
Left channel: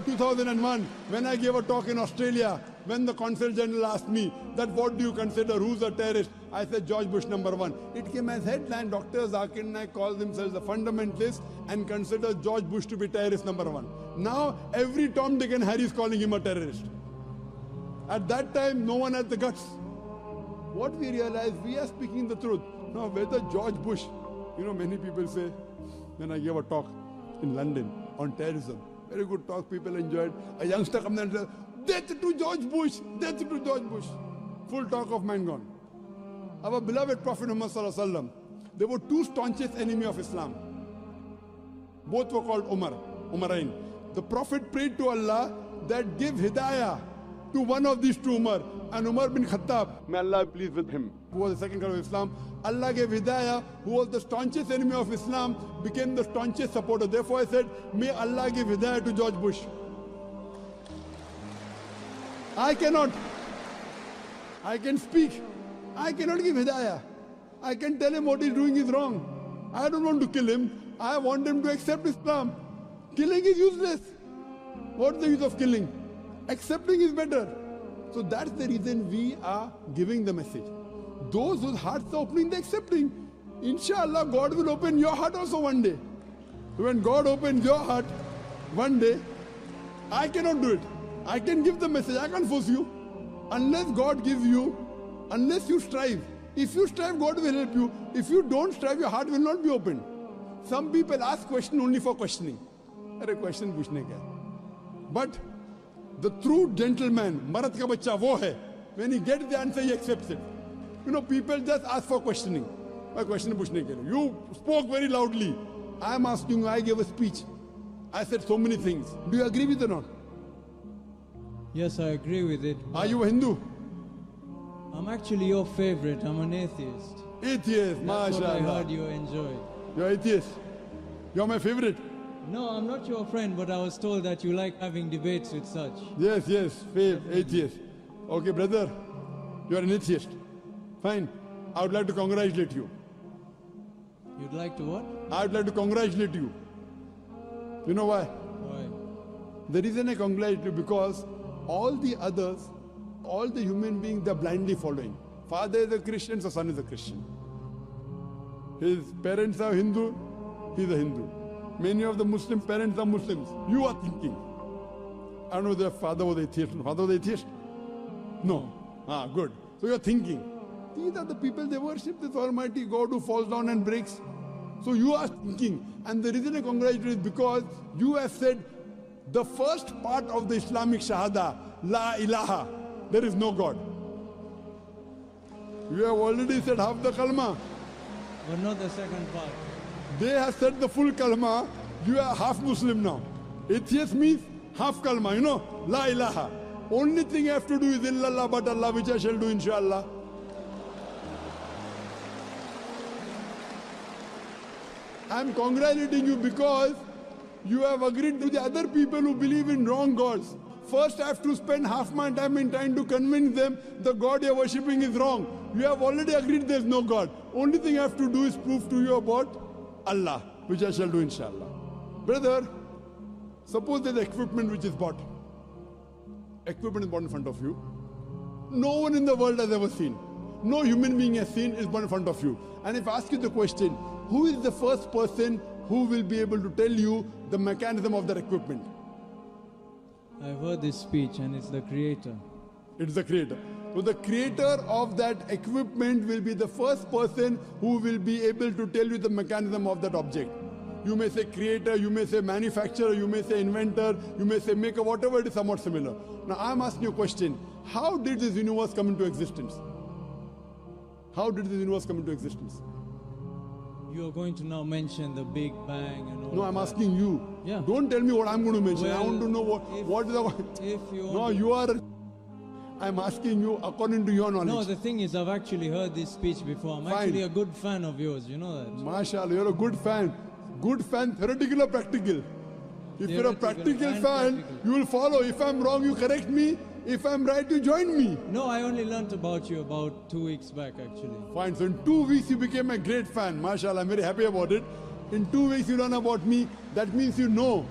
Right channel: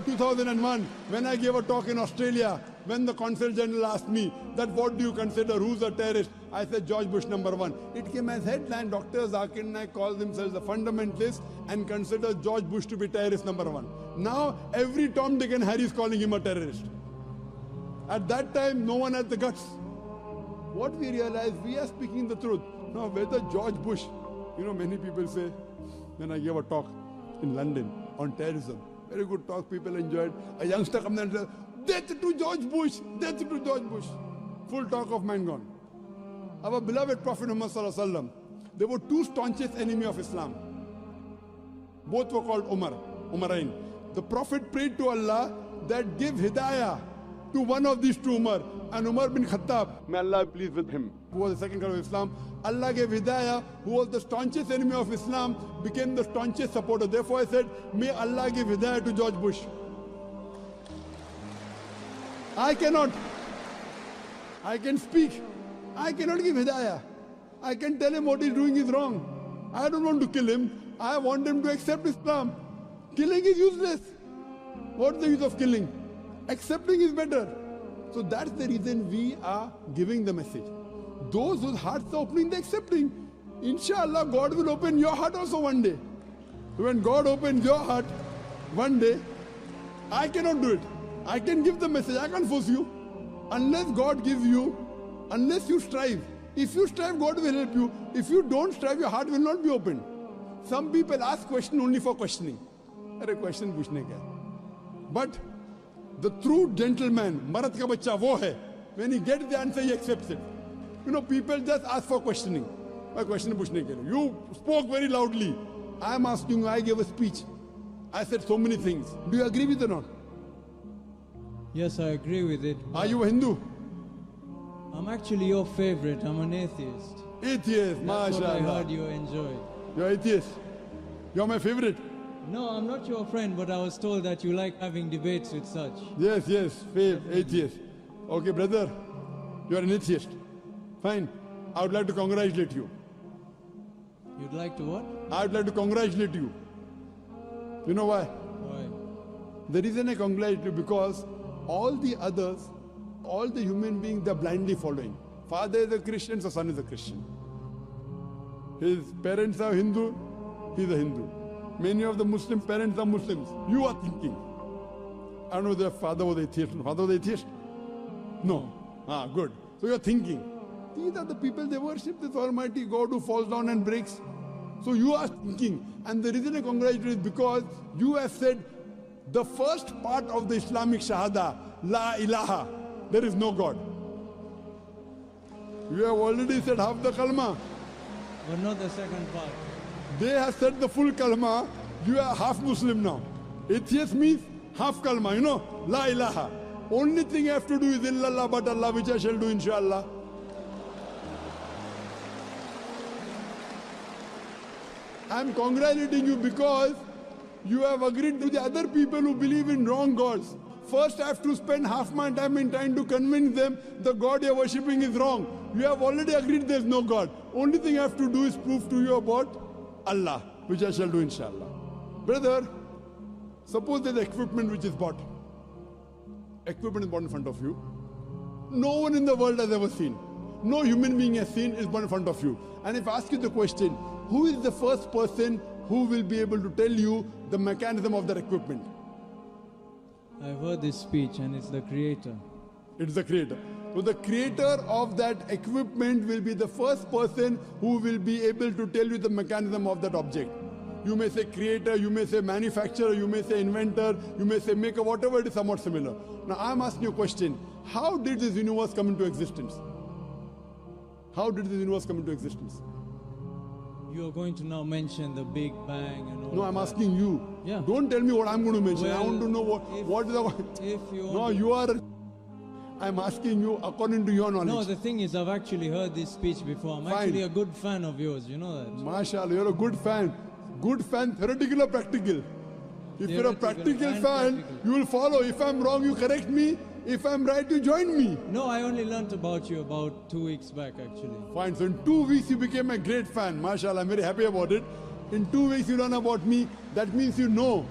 2001, when I gave a talk in Australia, when the Consul General asked me that what do you consider, who's a terrorist? I said George Bush number one. It came as headline, Dr. Zakir Naik calls themselves a fundamentalist and considers George Bush to be terrorist number one. Now every Tom, Dick and Harry is calling him a terrorist. At that time, no one had the guts. What we realized, we are speaking the truth. Now whether George Bush, many people say, when I gave a talk in London on terrorism, very good talk, people enjoyed. A youngster comes and says, death to George Bush, death to George Bush. Full talk of mine gone. Our beloved Prophet Muhammad Sallallahu Alaihi Wasallam, there were two staunchest enemies of Islam. Both were called Umarain. The Prophet prayed to Allah that give hidayah to one of these two Umar, and Umar bin Khattab, may Allah be pleased with him, who was the second caliph of Islam. Allah gave hidayah, who was the staunchest enemy of Islam, became the staunchest supporter. Therefore I said, may Allah give hidayah to George Bush. I cannot. I can speak. I cannot give hidayah. I can tell him what he's doing is wrong. I don't want to kill him. I want him to accept Islam. Killing is useless. What's the use of killing? Accepting is better. So that's the reason we are giving the message. Those whose hearts are opening, they're accepting. Inshallah, God will open your heart also one day. When God opens your heart one day, I cannot do it. I can give the message, I can't force you. Unless God gives you, unless you strive. If you strive, God will help you. If you don't strive, your heart will not be open. Some people ask question only for questioning. Arey question puchne ka. But the true gentleman, Marat ka bachcha wo hai. When he gets the answer, he accepts it. People just ask for questioning. My question puchne ke liye. You spoke very loudly. I am asking you, I gave a speech. I said so many things. Do you agree with it or not? Yes, I agree with it. Are you a Hindu? I'm actually your favorite. I'm an atheist. Atheist, That's what I mashallah. heard you enjoy. You're atheist. You're my favorite. No, I'm not your friend, but I was told that you like having debates with such. Yes, atheist. Okay, brother, you're an atheist. Fine. I would like to congratulate you. You'd like to what? I would like to congratulate you. You know why? Why? The reason I congratulate you because all the others, all the human beings, they're blindly following. Father is a Christian, so son is a Christian. His parents are Hindu, he's a Hindu. Many of the Muslim parents are Muslims. You are thinking. I don't know if their father was atheist. Father was atheist? No. Good. So you're thinking. These are the people, they worship this Almighty God who falls down and breaks. So you are thinking. And the reason I congratulate you is because you have said, The first part of the Islamic Shahada, La ilaha, there is no God. You have already said half the kalma. But not the second part. They have said the full kalma. You are half Muslim now. Atheist means half kalma, you know, La ilaha. Only thing I have to do is illallah but Allah, which I shall do inshallah. I am congratulating you because you have agreed to the other people who believe in wrong gods. First I have to spend half my time in trying to convince them the God you are worshipping is wrong. You have already agreed there is no God. Only thing I have to do is prove to you about Allah, which I shall do inshallah. Brother, suppose there is equipment which is bought. Equipment is bought in front of you. No one in the world has ever seen. No human being has seen is bought in front of you. And if I ask you the question, who is the first person who will be able to tell you the mechanism of that equipment? I've heard this speech and it's the creator. It's the creator. So the creator of that equipment will be the first person who will be able to tell you the mechanism of that object. You may say creator, you may say manufacturer, you may say inventor, you may say maker, whatever it is, somewhat similar. Now I'm asking you a question. How did this universe come into existence? How did this universe come into existence? You are going to now mention the Big Bang and all No, I'm that. asking you. Yeah. Don't tell me what I'm going to mention. I Well, want to know what is the... If you No, want you are... I'm asking you according to your knowledge. No, the thing is, I've actually heard this speech before. I'm Fine. actually a good fan of yours, you know that. MashaAllah, you're a good fan. Good fan, theoretical or practical? If you're a Theoretical practical and fan, practical. you will follow. If I'm wrong, you correct me. If I'm right, you join me. No, I only learnt about you about 2 weeks back, actually. Fine. So in 2 weeks, you became a great fan. MashaAllah, I'm very happy about it. In 2 weeks, you learn about me. That means you know.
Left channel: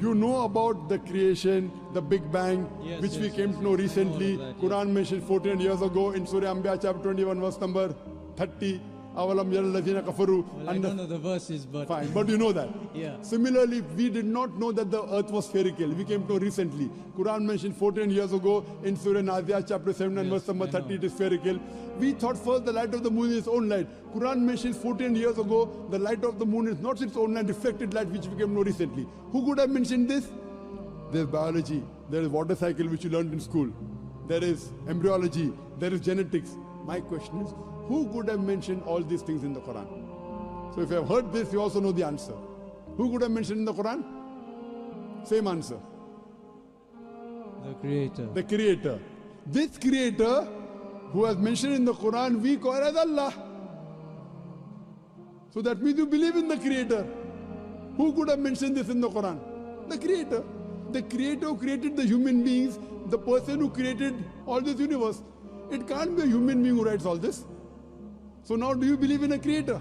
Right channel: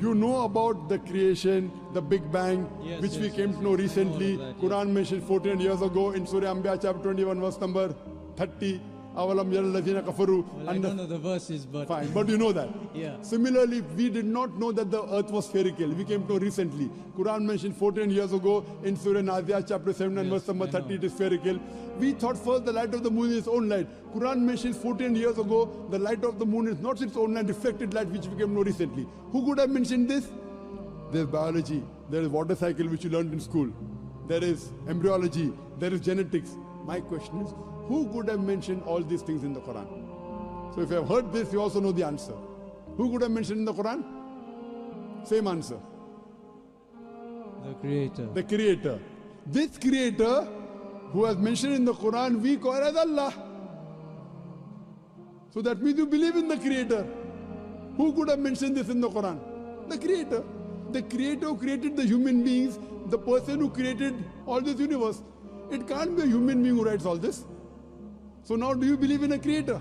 You know about the creation, the Big Bang, Yes, which we yes, came yes, to know yes. I know recently. all of that, Quran mentioned 14 years ago in Surah Anbiya chapter 21 verse number 30. Awalam yaral ladhina kafaru. Well, I don't know the verses, but Fine, but you know that. Yeah. Similarly, we did not know that the earth was spherical. We came to know recently. Quran mentioned 14 years ago in Surah Nazi'at chapter 7 and Yes, verse number I 30 know. it is spherical. We thought first the light of the moon is its own light. Quran mentions 14 years ago the light of the moon is not its own light, reflected light, which we came to know recently. Who could have mentioned this? There's biology, there is water cycle which you learned in school. There is embryology, there is genetics. My question is, who could have mentioned all these things in the Quran? So if you have heard this, you also know the answer. Who could have mentioned in the Quran? Same answer. the creator. The creator. This creator who has mentioned in the Quran, we call as Allah. So that means you believe in the creator. Who could have mentioned this in the Quran? The creator. The creator who created the human beings, the person who created all this universe. It can't be a human being who writes all this. So now do you believe in a creator?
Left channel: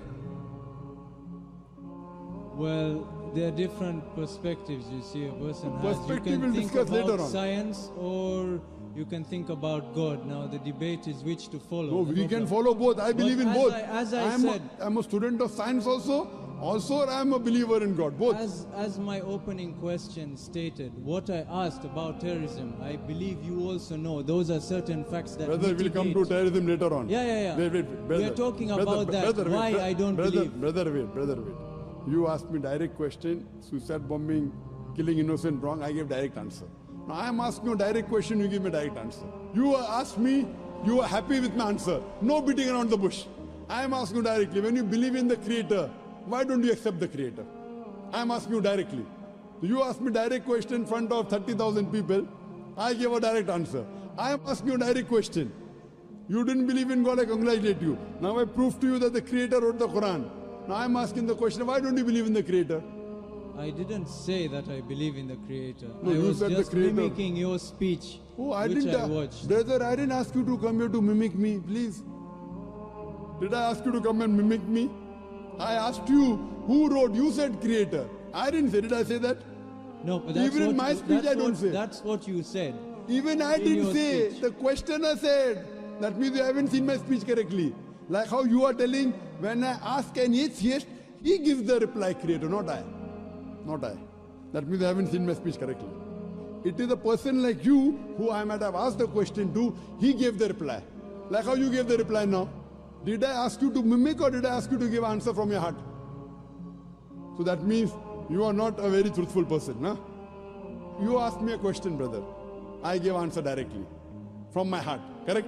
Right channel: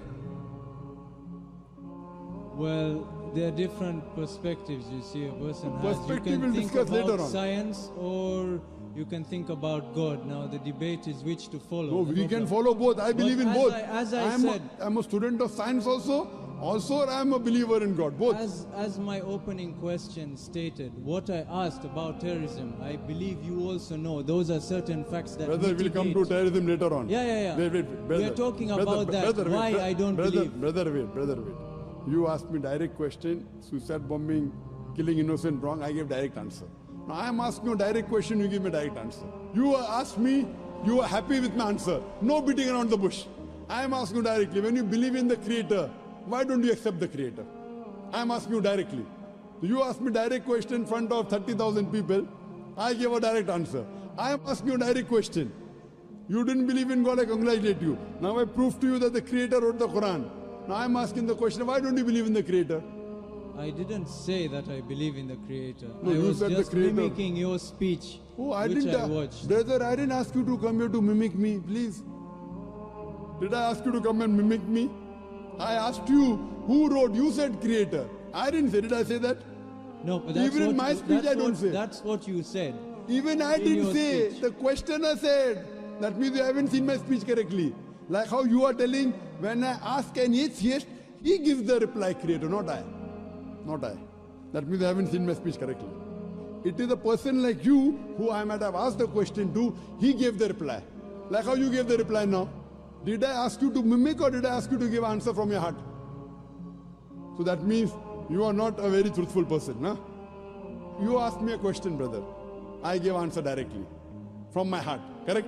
Well, there are different perspectives you see a person has. You Perspective can we'll think discuss about later on. science or you can think about God. Now the debate is which to follow. No, The we can problem- follow both. I believe in as both. as I I'm said, I'm a student of science also I'm a believer in God. Both. as my opening question stated, what I asked about terrorism, I believe you also know those are certain facts that Brother, we'll come to mitigate- terrorism later on. Yeah. Wait, We brother. are talking Brother, about that. brother, Why wait, I don't brother, believe. Brother, wait. You asked me direct question, suicide bombing, killing innocent, wrong. I gave direct answer. Now I am asking you a direct question, you give me direct answer. You asked me, you are happy with my answer. No beating around the bush. I am asking you directly, when you believe in the creator, why don't you accept the creator? I am asking you directly. You asked me direct question in front of 30,000 people. I gave a direct answer. I am asking you a direct question. You didn't believe in God, I congratulate you. Now I proved to you that the creator wrote the Quran. Now I am asking the question, why don't you believe in the creator? I didn't say that I believe in the creator. No, I you was said the just creator. mimicking your speech, Oh, I which didn't. I watched. Brother, I didn't ask you to come here to mimic me, please. Did I ask you to come and mimic me? I asked you, who wrote? You said creator. I didn't say, did I say that? No, but that's Even in what, my speech, I don't say. That's what you said. Even I In didn't your say, speech. the questioner said. That means you haven't seen my speech correctly. Like how you are telling, when I ask an atheist, he gives the reply creator, not I. Not I. That means you haven't seen my speech correctly. It is a person like you who I might have asked the question to, he gave the reply. Like how you gave the reply now. Did I ask you to mimic or did I ask you to give answer from your heart? So that means you are not a very truthful person, huh? you asked me a question, brother. I gave answer directly from my heart. Correct?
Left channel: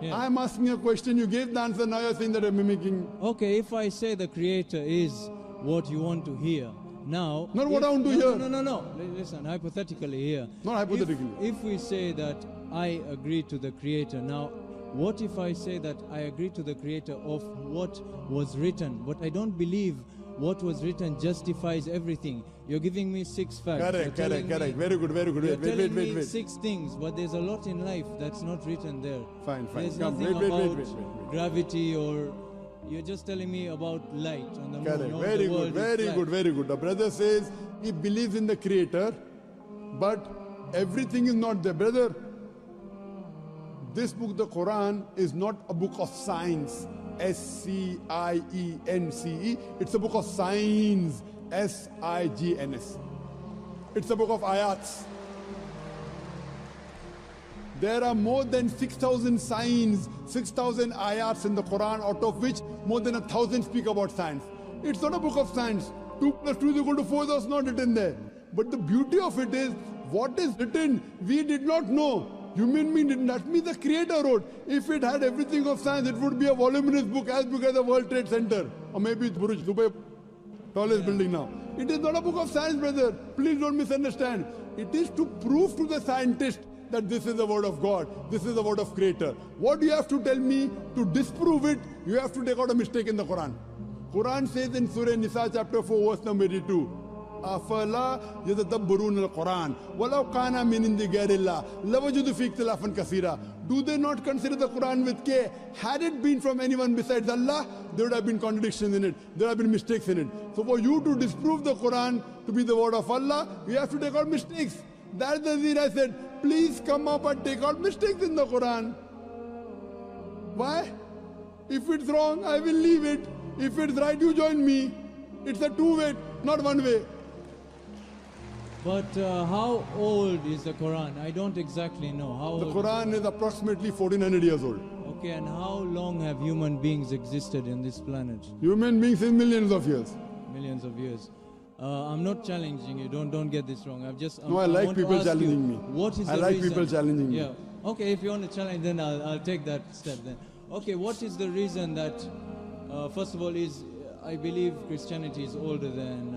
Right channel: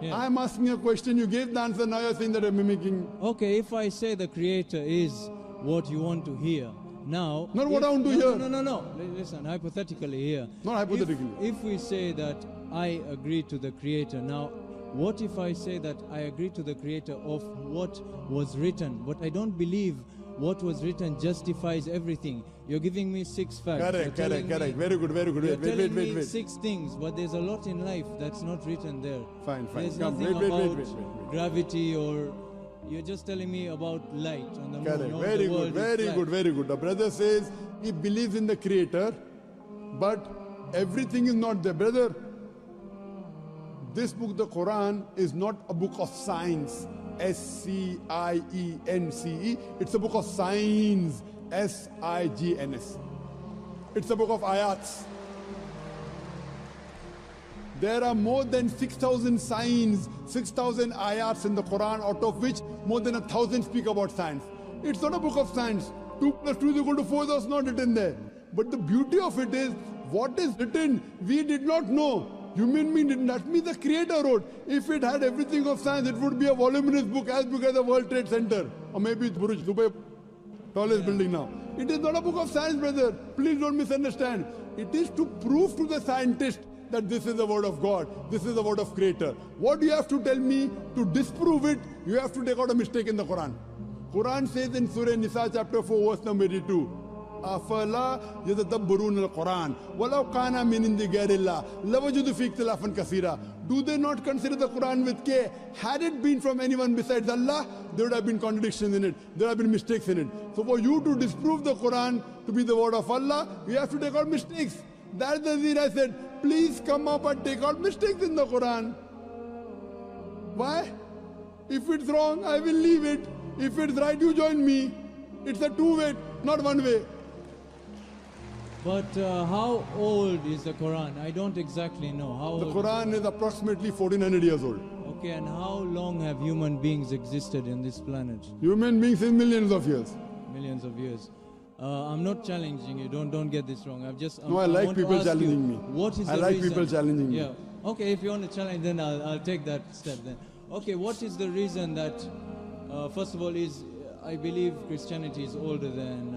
Yeah. I am asking a question. You gave the answer. Now you're saying that I'm mimicking. Okay, if I say the creator is what you want to hear, now... Not what if- I want to no, hear. No. Listen, hypothetically here. Not hypothetically. If we say that I agree to the creator, now what if I say that I agree to the creator of what was written, but I don't believe what was written justifies everything? You're giving me 6 facts. You're Correct. telling me- Very good. You're telling me Wait. 6 things, but there's a lot in life that's not written there. Fine. There's Come, nothing wait. about gravity, or you're just telling me about light on the moon. Correct. or Very the world good. is flat. Very good. The brother says he believes in the creator, but everything is not there. Brother, this book, the Quran, is not a book of science. SCIENCE. It's a book of signs. SIGNS. It's a book of ayats. There are more than 6,000 signs, 6,000 ayats in the Quran, out of which more than 1,000 speak about science. It's not a book of science. 2 plus 2 is equal to 4, that's not written there. But the beauty of it is, what is written, we did not know. Human being didn't. That means the creator wrote. If it had everything of science, it would be a voluminous book as big as the World Trade Center. Or maybe it's Burj Dubai, tallest building now. It is not a book of science, brother. Please don't misunderstand. It is to prove to the scientist that this is the word of God. This is the word of creator. What do you have to tell me to disprove it? You have to take out a mistake in the Quran. Quran says in Surah Nisa chapter 4 verse number 82. أفلا يتدبرون القرآن ولو كان من عند غير الله لوجدوا فيه اختلافا كثيرا. Do they not consider the Quran with care? Had it been from anyone besides Allah, there would have been contradictions in it. There would have been mistakes in it. So for you to disprove the Quran to be the word of Allah, you have to take out mistakes. That's the reason I said, please come up and take out mistakes in the Quran. Why? If it's wrong, I will leave it. If it's right, you join me. It's a two-way, not one way. But how old is the Quran? I don't exactly know. How The old? Quran is approximately 1400 years old. Okay, and how long have human beings existed in this planet? Human beings in millions of years. Millions of years. I'm not challenging you. Don't get this wrong. No, I like want to people ask you, challenging me. What is I the like reason? people challenging me. Yeah. Okay, if you want to challenge, then I'll take that step then. Okay, what is the reason that, first of all, I believe Christianity is older than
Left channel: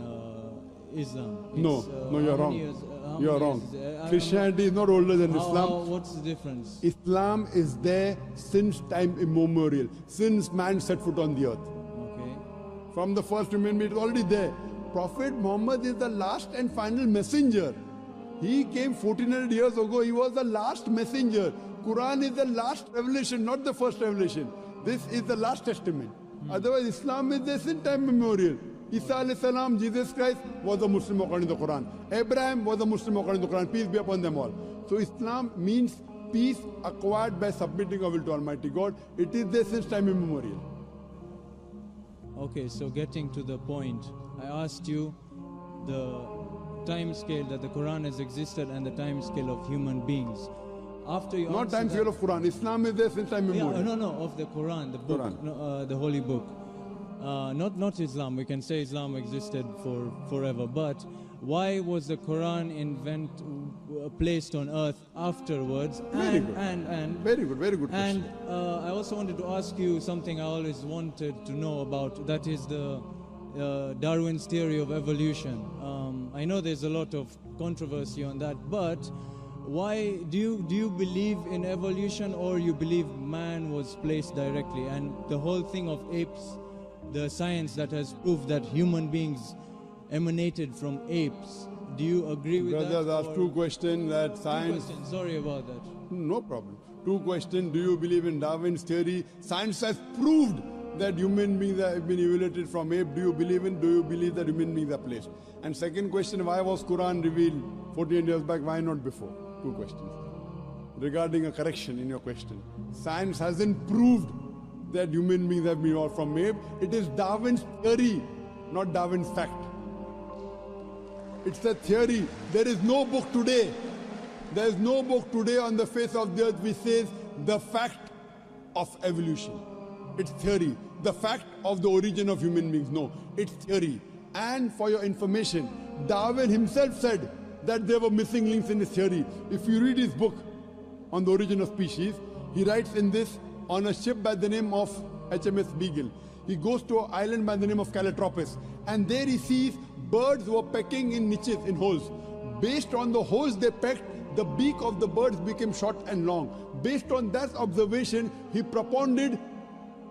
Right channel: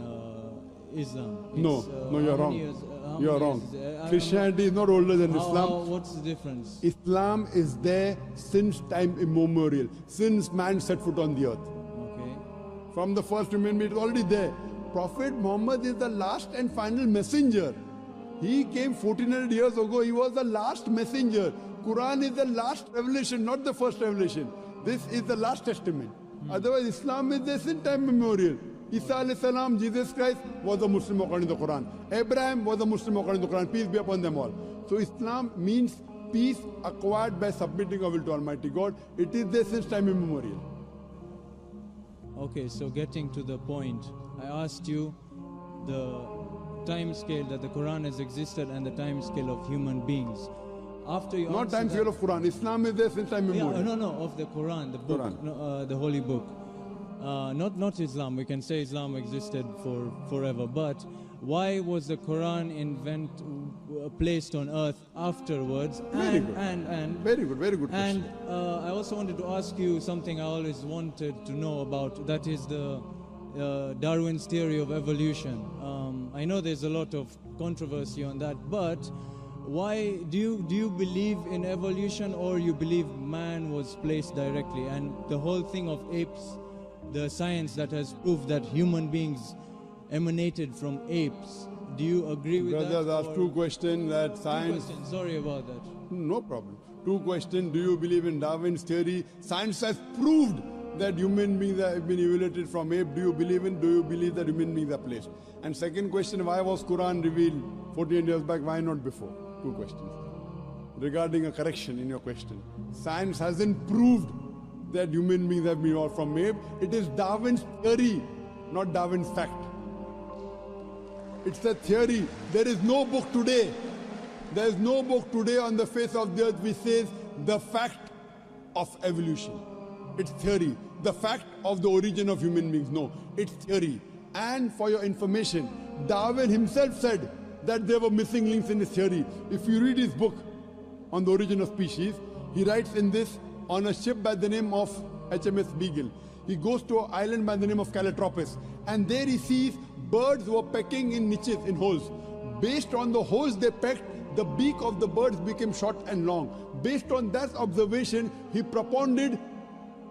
Islam. No, you're how wrong. many years- how You're many wrong. years is it? Christianity is not older than Islam. What's the difference? Islam is there since time immemorial, since man set foot on the earth. Okay. From the first human being, it's already there. Prophet Muhammad is the last and final messenger. He came 1400 years ago. He was the last messenger. Quran is the last revelation, not the first revelation. This is the last testament. Otherwise, Islam is there since time immemorial. Isa alayhi salam, Jesus Christ, was a Muslim according to the Quran. Abraham was a Muslim according to the Quran. Peace be upon them all. So Islam means peace acquired by submitting our will to Almighty God. It is there since time immemorial. Okay, so getting to the point, I asked you the time scale that the Quran has existed and the time scale of human beings. After you Not answer time that- scale of Quran. Islam is there since time immemorial. Yeah, no, of the Quran, the book, Quran. no, the holy book. Not Islam. We can say Islam existed for forever, but why was the Quran placed on earth afterwards? Very good. And Very good and question. I also wanted to ask you something I always wanted to know about. That is the Darwin's theory of evolution. I know there's a lot of controversy on that, but why do you believe in evolution, or you believe man was placed directly? And the whole thing of apes, the science that has proved that human beings emanated from apes. Do you agree with Brothers that? asked or- two questions that Two science. questions. Sorry about that. No problem. Two questions. Do you believe in Darwin's theory? Science has proved that human beings have been evoluted from ape. Do you believe that human beings are placed? And second question, why was Quran revealed 14 years back? Why not before? Two questions. Regarding a correction in your question. Science hasn't proved that human beings have been evolved from ape. It is Darwin's theory, not Darwin's fact. It's a theory. There is no book today. There is no book today on the face of the earth which says the fact of evolution. It's theory. The fact of the origin of human beings. No, it's theory. And for your information, Darwin himself said that there were missing links in his theory. If you read his book on the origin of species, he writes in this on a ship by the name of HMS Beagle. He goes to an island by the name of Calotropis, and there he sees birds were pecking in niches, in holes. Based on the holes they pecked, the beak of the birds became short and long. Based on that observation, he propounded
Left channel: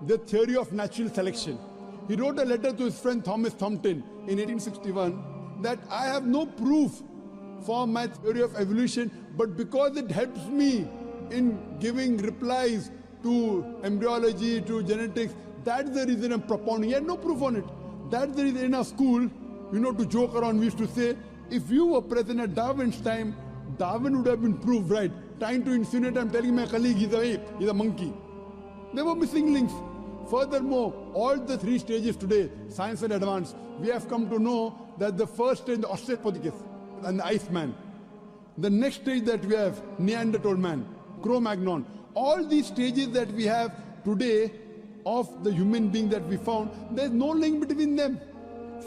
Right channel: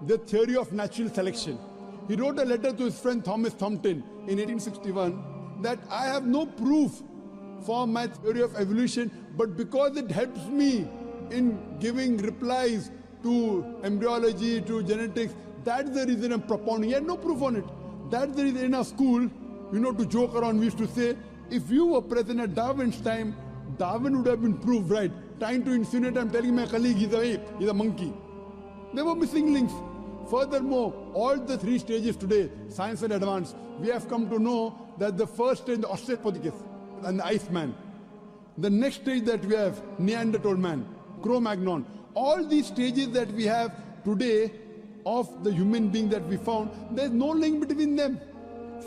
the theory of natural selection. He wrote a letter to his friend Thomas Thompson in 1861 that I have no proof for my theory of evolution, but because it helps me in giving replies to embryology, to genetics, that's the reason I'm propounding. He had no proof on it. That's the reason in our school, to joke around, we used to say, if you were present at Darwin's time, Darwin would have been proved right. Trying to insinuate, I'm telling my colleague he's an ape, he's a monkey. There were missing links. Furthermore, all the three stages today, science and advance, we have come to know that the first stage, the Australopithecus and the Iceman. The next stage that we have, Neanderthal man, Cro-Magnon. All these stages that we have today of the human being that we found, there's no link between them.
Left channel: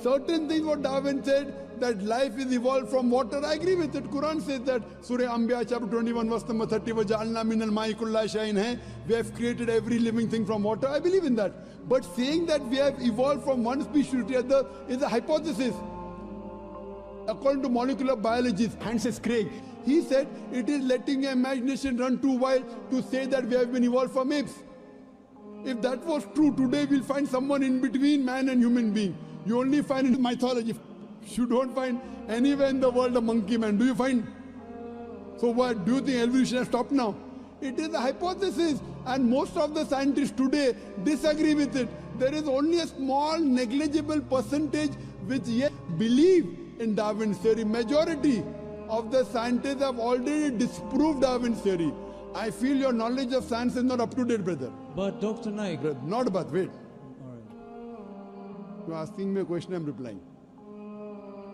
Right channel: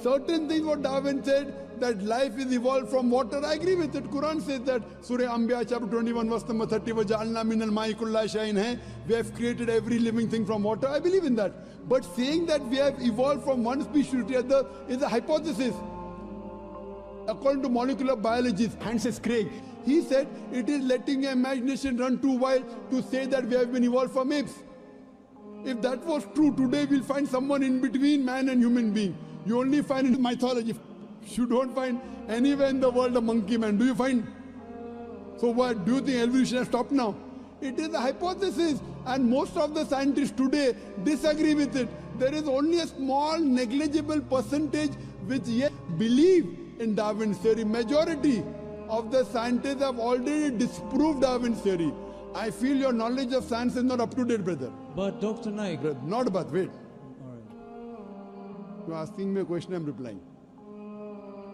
Certain things what Darwin said, that life is evolved from water, I agree with it. Quran says that, Surah Anbiya chapter 21 verse number 30, وَجَعَلْنَا مِنَ الْمَاءِ كُلَّ شَيْءٍ hai. We have created every living thing from water, I believe in that. But saying that we have evolved from one species to the other is a hypothesis. According to molecular biologist Francis Crick, he said it is letting your imagination run too wild to say that we have been evolved from apes. If that was true, today we'll find someone in between man and human being. You only find in mythology. You don't find anywhere in the world a monkey man. Do you find? So what? Do you think evolution has stopped now? It is a hypothesis, and most of the scientists today disagree with it. There is only a small negligible percentage which yet believe in Darwin's theory. Majority of the scientists have already disproved Darwin's theory. I feel your knowledge of science is not up to date, brother. But Dr. Naik, Not but wait. all right. You're asking me a question, I'm replying.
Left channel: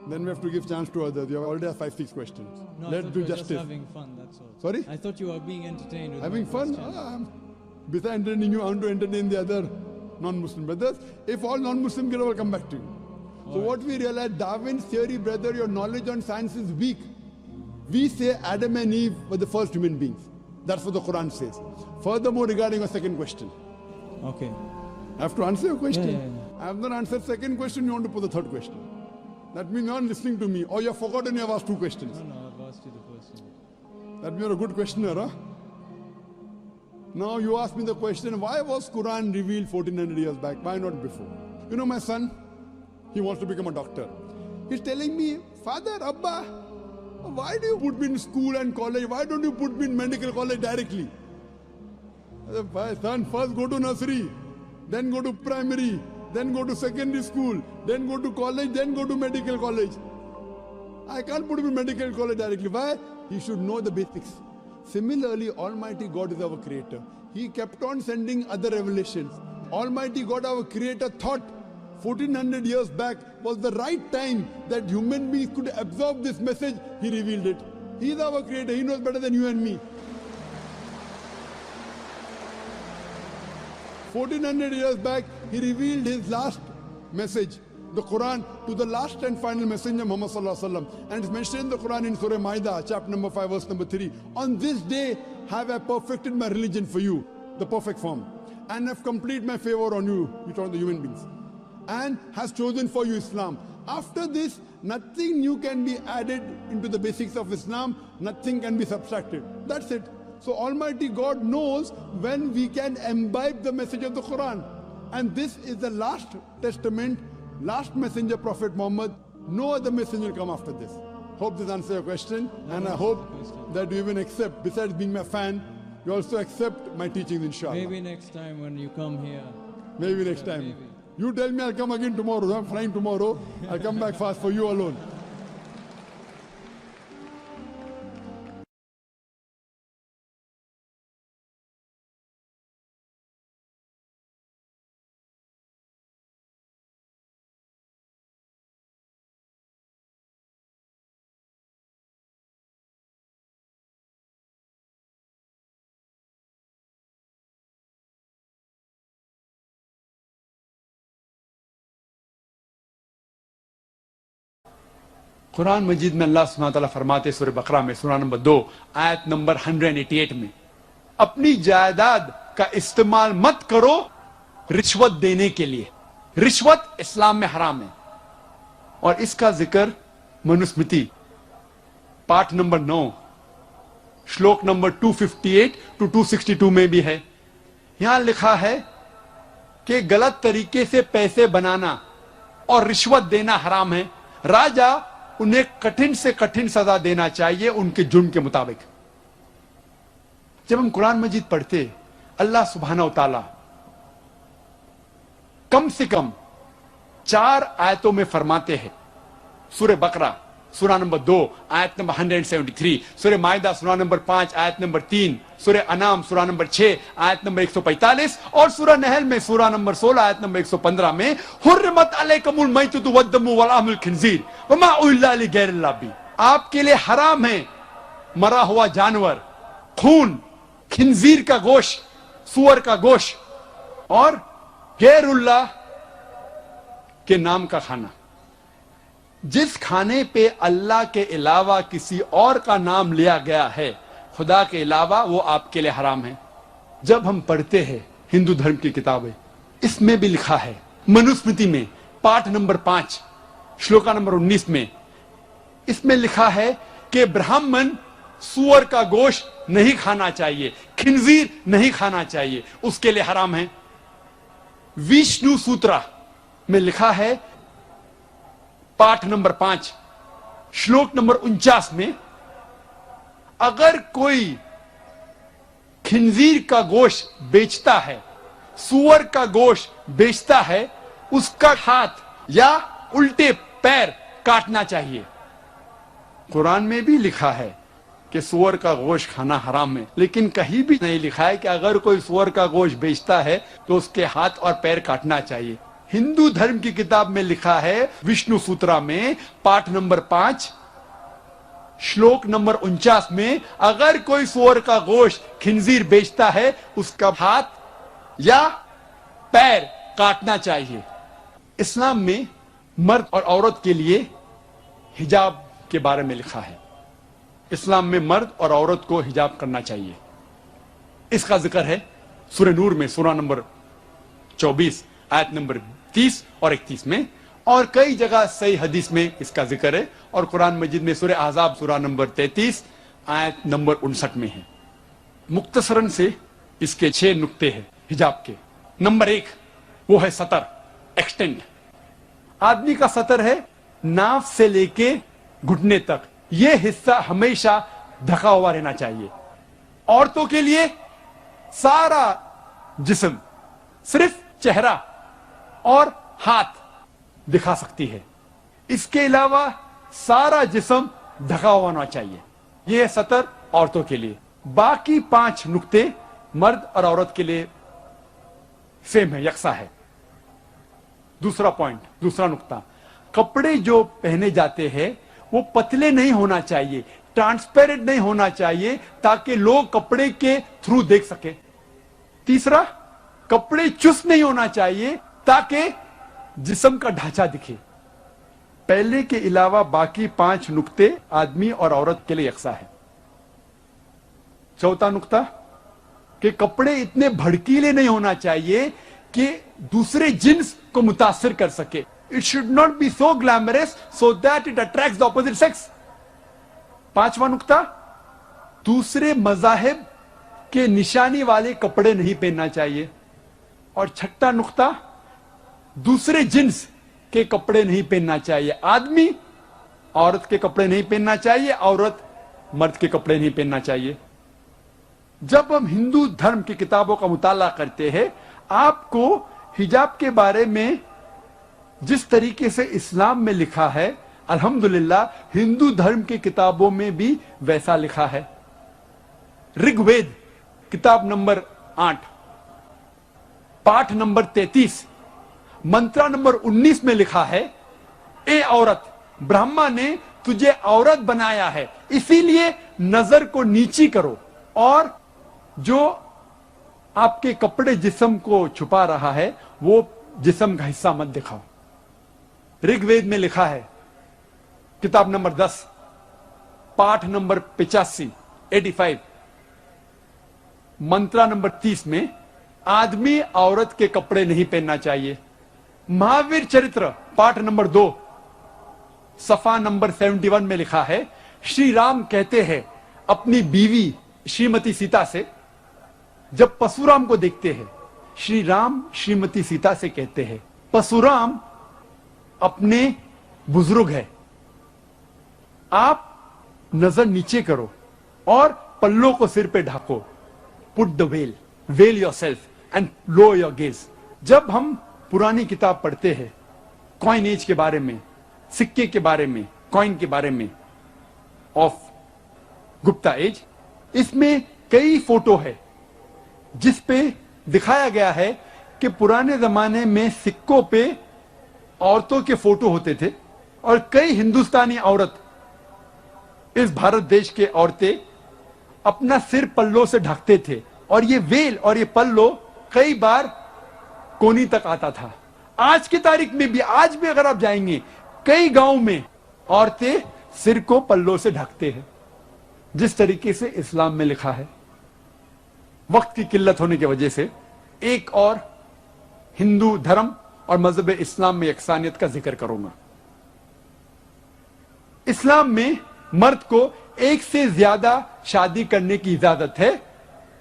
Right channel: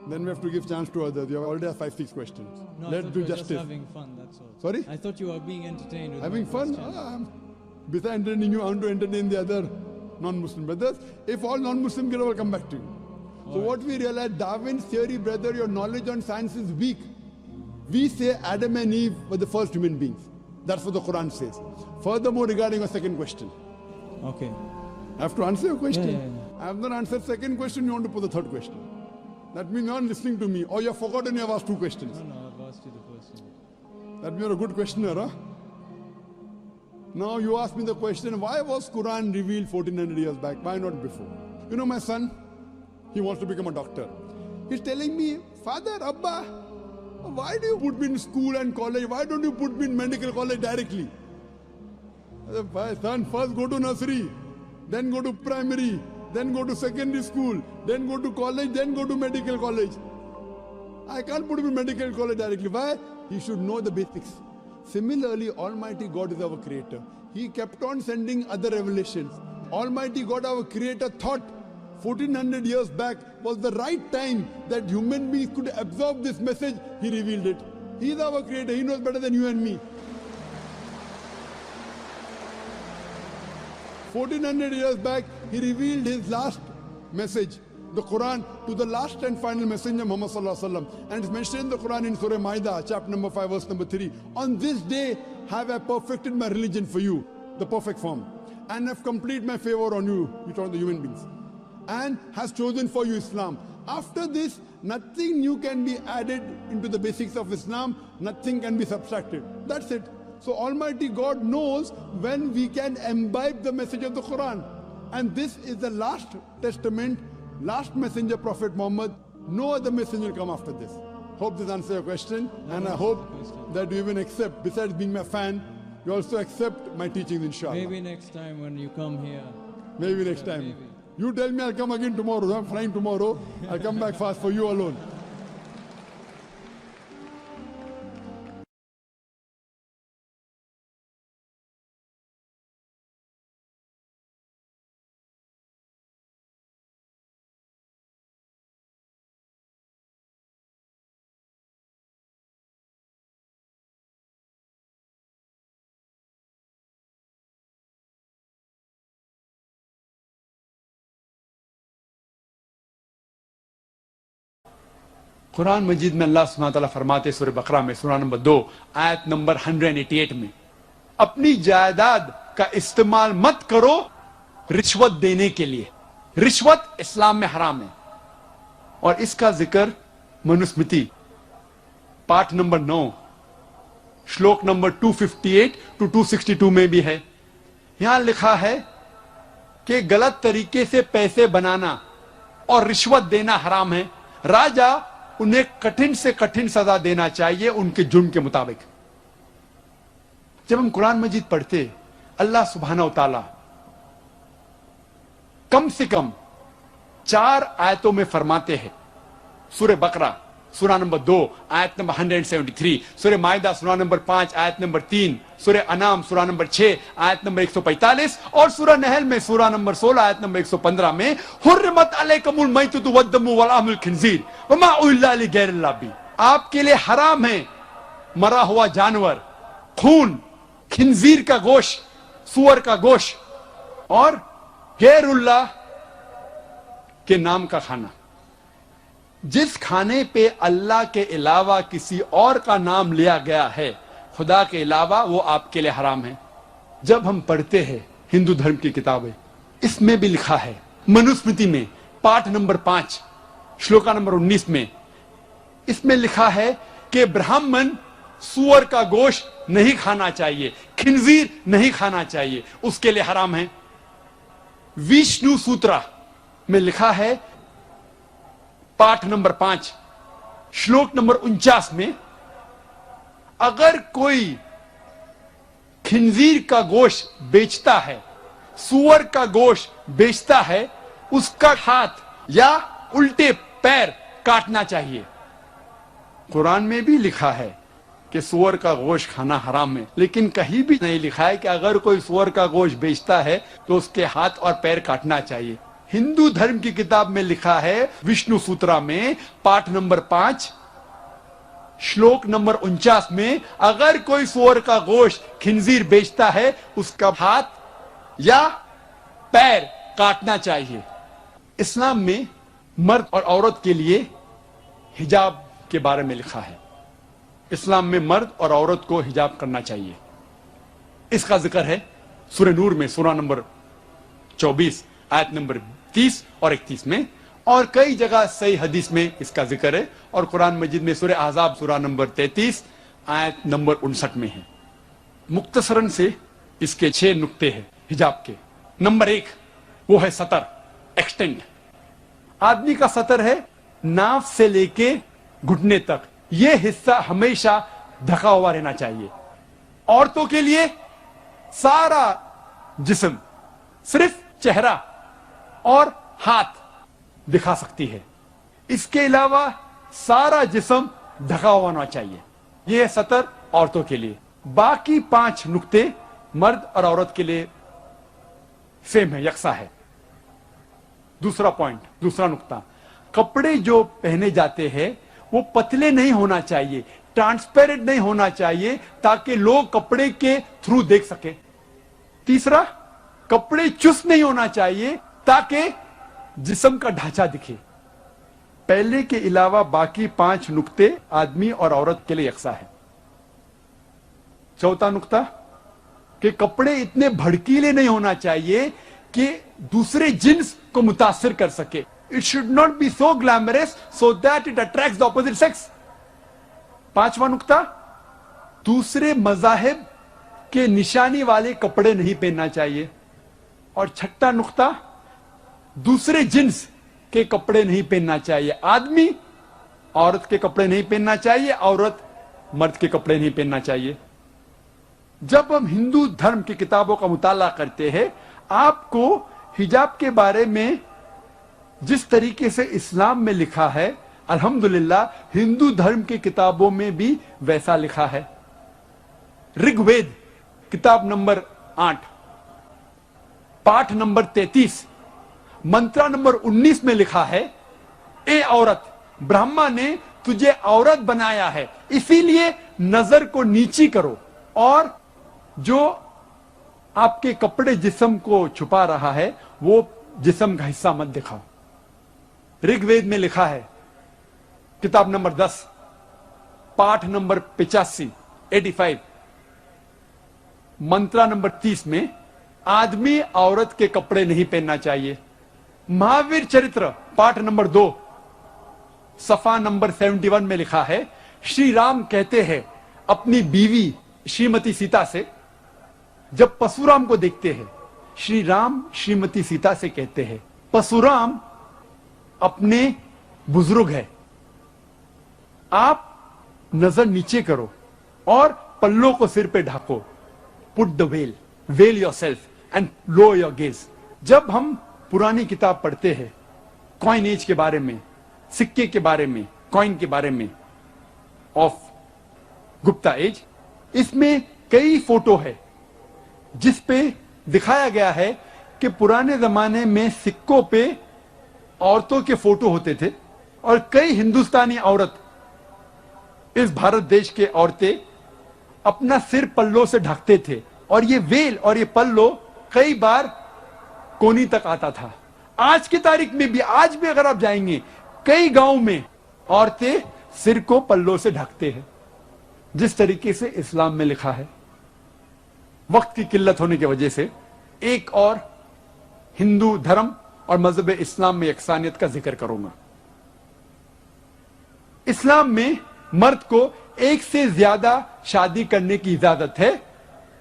Then we have to give chance to others. You have already have 5-6 questions. No, I Let's thought do you were just justice. having fun, that's all. Sorry? I thought you were being entertained with Having my fun? questions. Besides entertaining you, I want to entertain the other non-Muslim brothers. If all non-Muslim get over, come back to you. So what we realize, Darwin's theory, brother, your knowledge on science is weak. We say Adam and Eve were the first human beings. That's what the Quran says. Furthermore, regarding your second question, Okay. I have to answer your question. Yeah. I have not answered second question, you want to put the third question. That means you are not listening to me, or you have forgotten you have asked two questions. No, I've asked you the first one. That means you're a good questioner, huh? Now you ask me the question, why was Quran revealed 1400 years back? Why not before? My son, he wants to become a doctor. He's telling me, Father, Abba, why do you put me in school and college? Why don't you put me in medical college directly? I said, "My son, first go to nursery, then go to primary, then go to secondary school, then go to college, then go to medical college. I can't put him in medical college directly. Why? He should know the basics. Similarly, Almighty God is our creator. He kept on sending other revelations. Almighty God, our creator, thought 1400 years back was the right time that human beings could absorb this message. He revealed it. He is our creator. He knows better than you and me. 1400 years back, he revealed his last message, the Quran, to the last and final messenger, Muhammad Sallallahu Alaihi Wasallam. And it's mentioned in the Quran in Surah Ma'idah, chapter number 5, verse number 3. On this day have I perfected my religion for you, the perfect form, and have completed my favor on you, you talk the human beings, and has chosen for you Islam. After this, nothing new can be added into the basics of Islam, nothing can be subtracted. That's it. So Almighty God knows when we can imbibe the message of the Quran. And this is the last testament, last messenger, Prophet Muhammad. No other messenger will come after this. Hope this answers your question. And I hope that you even accept, besides being my fan, you also accept my teachings, inshallah. Maybe next time when you come here. Maybe next time. Maybe. You tell me I'll come again tomorrow. I'm flying tomorrow. I'll come back fast for you alone. قرآن مجید میں اللہ سبحانہ تعالیٰ فرماتے سورہ بقرہ میں سورہ number 2 آیت number 188 میں اپنی جائیداد کا استعمال مت کرو رشوت دینے کے لیے. رشوت اسلام میں حرام ہے اور اس کا ذکر منوسمرتی پارٹ نمبر 9 شلوک نمبر 258 to 262 میں بھی ہے. یہاں لکھا ہے کہ غلط طریقے سے پیسے بنانا اور رشوت دینا حرام ہے. راجا انہیں کٹھن سے کٹھن سزا دینا چاہیے ان کے جرم کے مطابق. جب ہم قرآن مجید پڑھتے اللہ سبحانہ و تعالی کم سے کم 4 آیتوں میں فرماتے ہیں. سورہ بقرہ سورہ نمبر 2 آیت نمبر 173, سورہ مائدہ سورہ نمبر 5 آیت نمبر 3, سورہ انعام سورہ نمبر 6 آیت نمبر 145 اور سورہ نحل میں سورہ نمبر 16 آیت نمبر 115 میں حرمت علیکم المیتۃ والدم ولحم الخنزیر وما اہل لغیر اللہ بھی. آپ کے لیے حرام ہے مرا ہوا جانور, خون, خنزیر کا گوشت, سور کا گوشت اور غیر اللہ کے نام کا کھانا. جس کھانے پہ اللہ کے علاوہ کسی اور کا نام لیا گیا ہے خدا کے علاوہ وہ آپ کے لیے حرام ہے. جب ہم پڑھتے ہیں ہندو دھرم کی کتابیں اس میں بھی لکھا ہے منوسمرتی میں پارٹ نمبر 5 شلوکا نمبر 19 میں اس میں لکھا ہے کہ برہمن سور کا گوشت نہیں کھانا چاہیے, خنزیر نہیں کھانا چاہیے, اس کے لیے حرام ہے. وشنو سوترا میں لکھا ہے پارٹ نمبر 5 شلوک نمبر 49 میں اگر کوئی خنزیر کا گوشت بیچتا ہے, سور کا گوشت بیچتا ہے, اس کا ہاتھ یا الٹے پیر کاٹنا چاہیے. قرآن میں بھی لکھا ہے کہ سور کا گوشت کھانا حرام ہے, لیکن کہیں بھی نہیں لکھا ہے کہ اگر کوئی سور کا گوشت بیچتا ہے تو اس کے ہاتھ اور پیر کاٹنا چاہیے. ہندو دھرم کی کتاب میں لکھا ہے وشنو سوترا میں پارٹ نمبر 5 شلوک نمبر 49 میں اگر کوئی سور کا گوشت خنزیر بیچتا ہے اس کا ہاتھ یا پیر کاٹنا چاہیے. اسلام میں مرد اور عورت کے لیے حجاب کے بارے میں لکھا ہے. اسلام میں مرد اور عورت کو حجاب کرنا چاہیے. اس کا ذکر ہے سورہ نور میں سورہ نمبر 24 آیت نمبر 30 اور 31 میں, اور کئی جگہ صحیح حدیث میں اس کا ذکر ہے, اور قرآن مجید میں سورہ احزاب سورہ نمبر 33 آیت نمبر 59 میں ہے. مختصراً سے اس کے 6 نقطے ہیں حجاب کے. نمبر 1 وہ ہے سطر, ایکسٹینٹ. آدمی کا سطر ہے ناف سے لے کے گھٹنے تک, یہ حصہ ہمیشہ ڈھکا ہوا رہنا چاہیے. عورتوں کے لیے سارا جسم, صرف چہرہ اور ہاتھ دکھا سکتی ہے, اس کے علاوہ سارا جسم ڈھکا ہوا ہونا چاہیے. یہ ہے سطر عورتوں کے لیے. باقی 5 نقطے مرد اور عورت کے لیے سیم ہے, یکساں ہے. دوسرا پوائنٹ, دوسرا نقطہ, کپڑے جو پہنے جاتے ہیں وہ پتلے نہیں ہونا چاہیے, ٹرانسپیرنٹ نہیں ہونا چاہیے تاکہ لوگ کپڑے کے تھرو دیکھ سکے. تیسرا, کپڑے چست نہیں ہونا چاہیے تاکہ جسم کا ڈھانچہ دکھے. پہلے کے علاوہ باقی 5 نقطے آدمی اور عورت کے لیے یکساں ہے. چوتھا نقطہ کہ کپڑے اتنے بھڑکیلے نہیں ہونا چاہیے کہ دوسرے جنس کو متاثر کر سکے. It should not be so glamorous so that it attracts the opposite sex. 5واں نقطہ, دوسرے مذاہب کے نشانی والے کپڑے نہیں پہننا چاہیے. اور 6واں نقطہ, دوسرے جنس کے کپڑے نہیں پہننا چاہیے. آدمی عورت کے کپڑے نہیں پہننا چاہیے, عورت مرد کے کپڑے نہیں پہننا چاہیے. جب ہم ہندو دھرم کی کتابوں کا مطالعہ کرتے ہیں آپ کو حجاب کے بارے میں جس طریقے سے اسلام میں لکھا ہے الحمدللہ ہندو دھرم کی کتابوں میں بھی ویسا لکھا ہے. رگ وید کتاب نمبر 8 پاٹھ نمبر 33 منترا نمبر 19 میں لکھا ہے, اے عورت, برہما نے تجھے عورت بنایا ہے اسی لیے نظر کو نیچی کرو اور جو آپ کے کپڑے جسم کو چھپا رہا ہے وہ جسم کا حصہ مت دکھاؤ. رگ وید میں لکھا ہے किताब नंबर 10, पाठ नंबर 85 मंत्रा नंबर 30 में आदमी औरत के कपड़े नहीं पहनना चाहिए। महावीर चरित्र पाठ नंबर 2 सफा नंबर 71 में लिखा है, श्री राम कहते हैं अपनी बीवी श्रीमती सीता से, जब परशुराम को देखते हैं, श्री राम श्रीमती सीता से कहते हैं, परशुराम अपने बुजुर्ग है, आप नजर नीचे करो और पल्लों को सिर पे ढाको, put the veil yourself and low your gaze. जब हम पुरानी किताब पढ़ते हैं कॉइन एज के बारे में, सिक्के के बारे में, कॉइन के बारे में ऑफ गुप्ता एज, इसमें कई फोटो है जिस पे दिखाया गया है कि पुराने जमाने में सिक्कों पे औरतों के फोटो होते थे और कई हिंदुस्तानी औरत, इस भारत देश के औरतें अपना सिर पल्लों से ढकते थे और ये वेल और ये पल्लो कई बार कोनी तक आता था। आज की तारीख में भी, आज भी अगर आप जाएंगे कई गांव में औरतें सिर को पल्लों से ढकते हैं, जिस तरीके से इस्लाम में लिखा है। वक्त की किल्लत होने की वजह से एक और हिंदू धर्म और मजहब इस्लाम में यकसानियत का जिक्र करूंगा। इस्लाम में मर्द को एक से ज्यादा शादी करने की इजाजत है,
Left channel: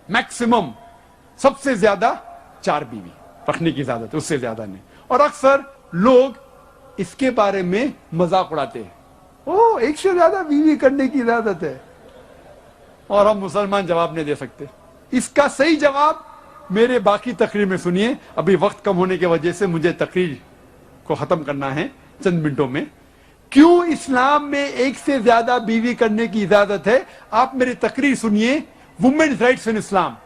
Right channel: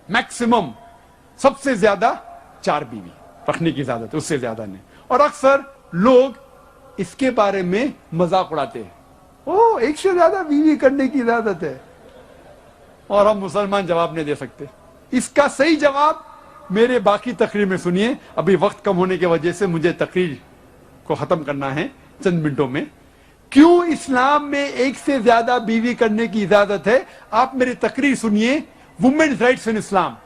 मैक्सिमम सबसे ज्यादा 4 बीवी रखने की इजाजत है, उससे ज्यादा नहीं। और अक्सर लोग इसके बारे में मजाक उड़ाते हैं, ओ एक से ज्यादा बीवी करने की इजाजत है, और हम मुसलमान जवाब नहीं दे सकते। इसका सही जवाब मेरे बाकी तकरीर में सुनिए। अभी वक्त कम होने की वजह से मुझे तकरीर को खत्म करना है चंद मिनटों में। क्यों इस्लाम में एक से ज्यादा बीवी करने की इजाजत है, आप मेरी तकरीर सुनिए। वुमेन्स राइट्स इन इस्लाम,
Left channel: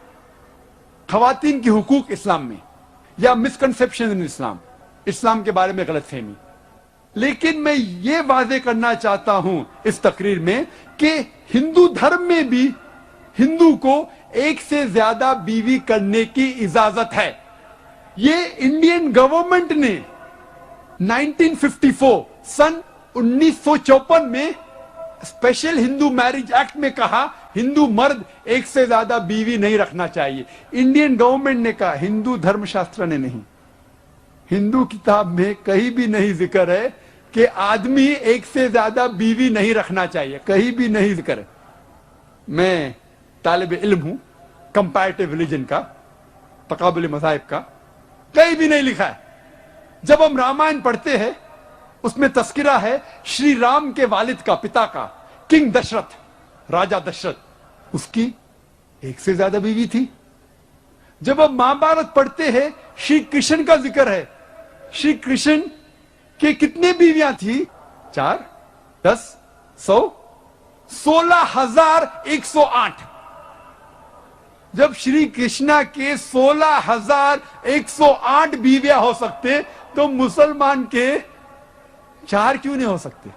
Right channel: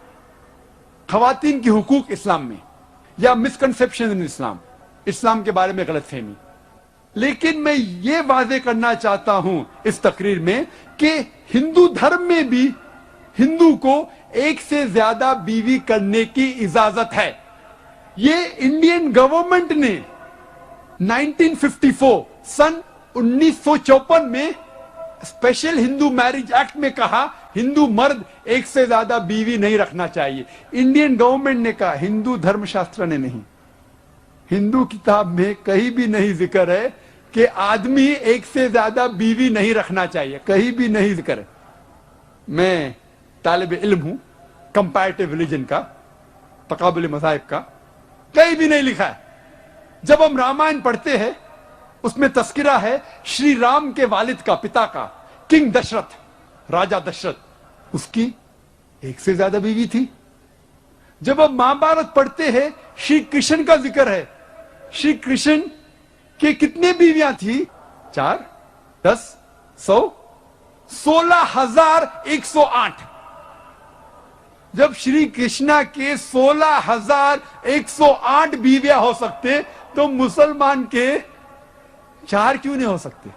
खवातीन की हुकूक इस्लाम में, या मिसकंसेप्शन इन इस्लाम, इस्लाम के बारे में गलतफहमी। लेकिन मैं ये वाजे करना चाहता हूं इस तकरीर में कि हिंदू धर्म में भी हिंदू को एक से ज्यादा बीवी करने की इजाजत है। ये इंडियन गवर्नमेंट ने 1954 सन 1954 में स्पेशल हिंदू मैरिज एक्ट में कहा हिंदू मर्द एक से ज्यादा बीवी नहीं रखना चाहिए। इंडियन गवर्नमेंट ने कहा, हिंदू धर्मशास्त्र ने नहीं। हिंदू किताब में कहीं भी नहीं जिक्र है कि आदमी एक से ज्यादा बीवी नहीं रखना चाहिए, कहीं भी नहीं जिक्र है। मैं तालिब इल्म हूं कंपैरेटिव रिलीजन का, तकाबुल मज़ाहिब का, कहीं भी नहीं लिखा है। जब हम रामायण पढ़ते हैं उसमें तस्किरा है श्री राम के वालिद का, पिता का, किंग दशरथ, राजा दशरथ, उसकी एक से ज्यादा बीवी थी। जब हम महाभारत पढ़ते हैं श्री कृष्ण का जिक्र है, श्री कृष्ण के कितने बीवियां थी? 4, 10, 100, 16,108। जब श्री कृष्णा के 16,108 बीवियां हो सकते तो मुसलमान के 4 क्यों नहीं हो सकते?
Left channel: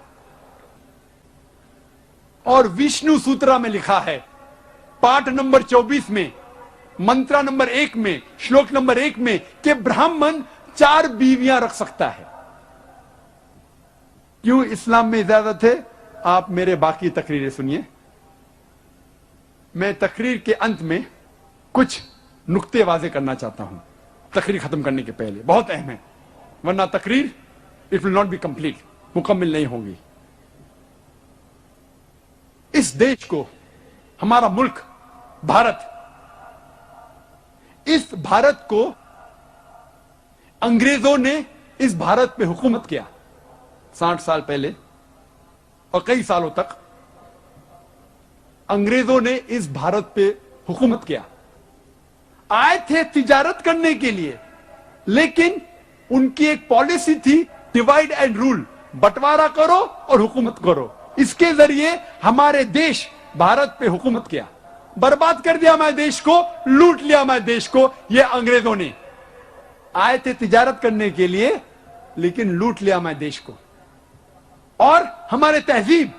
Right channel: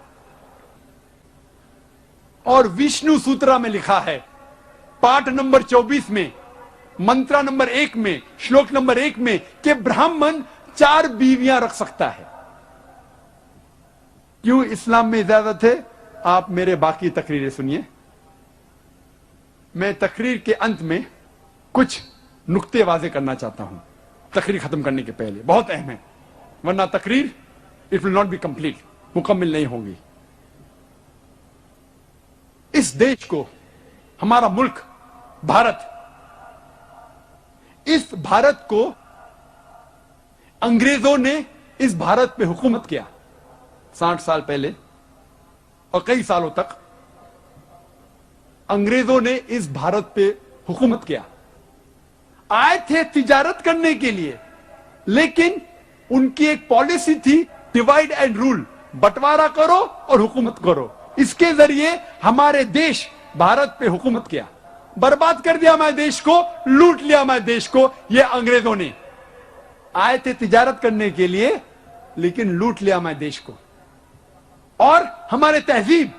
और विष्णु सूत्रा में लिखा है पाठ नंबर 24 में, मंत्रा नंबर 1 में, श्लोक नंबर 1 में कि ब्राह्मण 4 बीवियां रख सकता है। क्यों इस्लाम में इजाजत है? आप मेरे बाकी तकरीरें सुनिए। मैं तकरीर के अंत में कुछ नुक्ते वाजे करना चाहता हूं तकरीर खत्म करने के पहले, बहुत अहम है, वरना तकरीर it will not be complete, मुकम्मल नहीं होगी। इस देश को, हमारा मुल्क भारत, इस भारत को अंग्रेजों ने इस भारत पे हुकूमत किया 60 साल पहले, और कई सालों तक अंग्रेजों ने इस भारत पे हुकूमत किया। आए थे तिजारत करने के लिए, लेकिन उनकी एक पॉलिसी थी डिवाइड एंड रूल, बंटवारा करो और हुकूमत करो। इसके जरिए हमारे देश भारत पे हुकूमत किया, बर्बाद कर दिया हमारे देश को, लूट लिया हमारे देश को। ये अंग्रेजों ने आए थे तिजारत करने के लिए, लेकिन लूट लिया हमारे देश को, और हमारे तहजीब,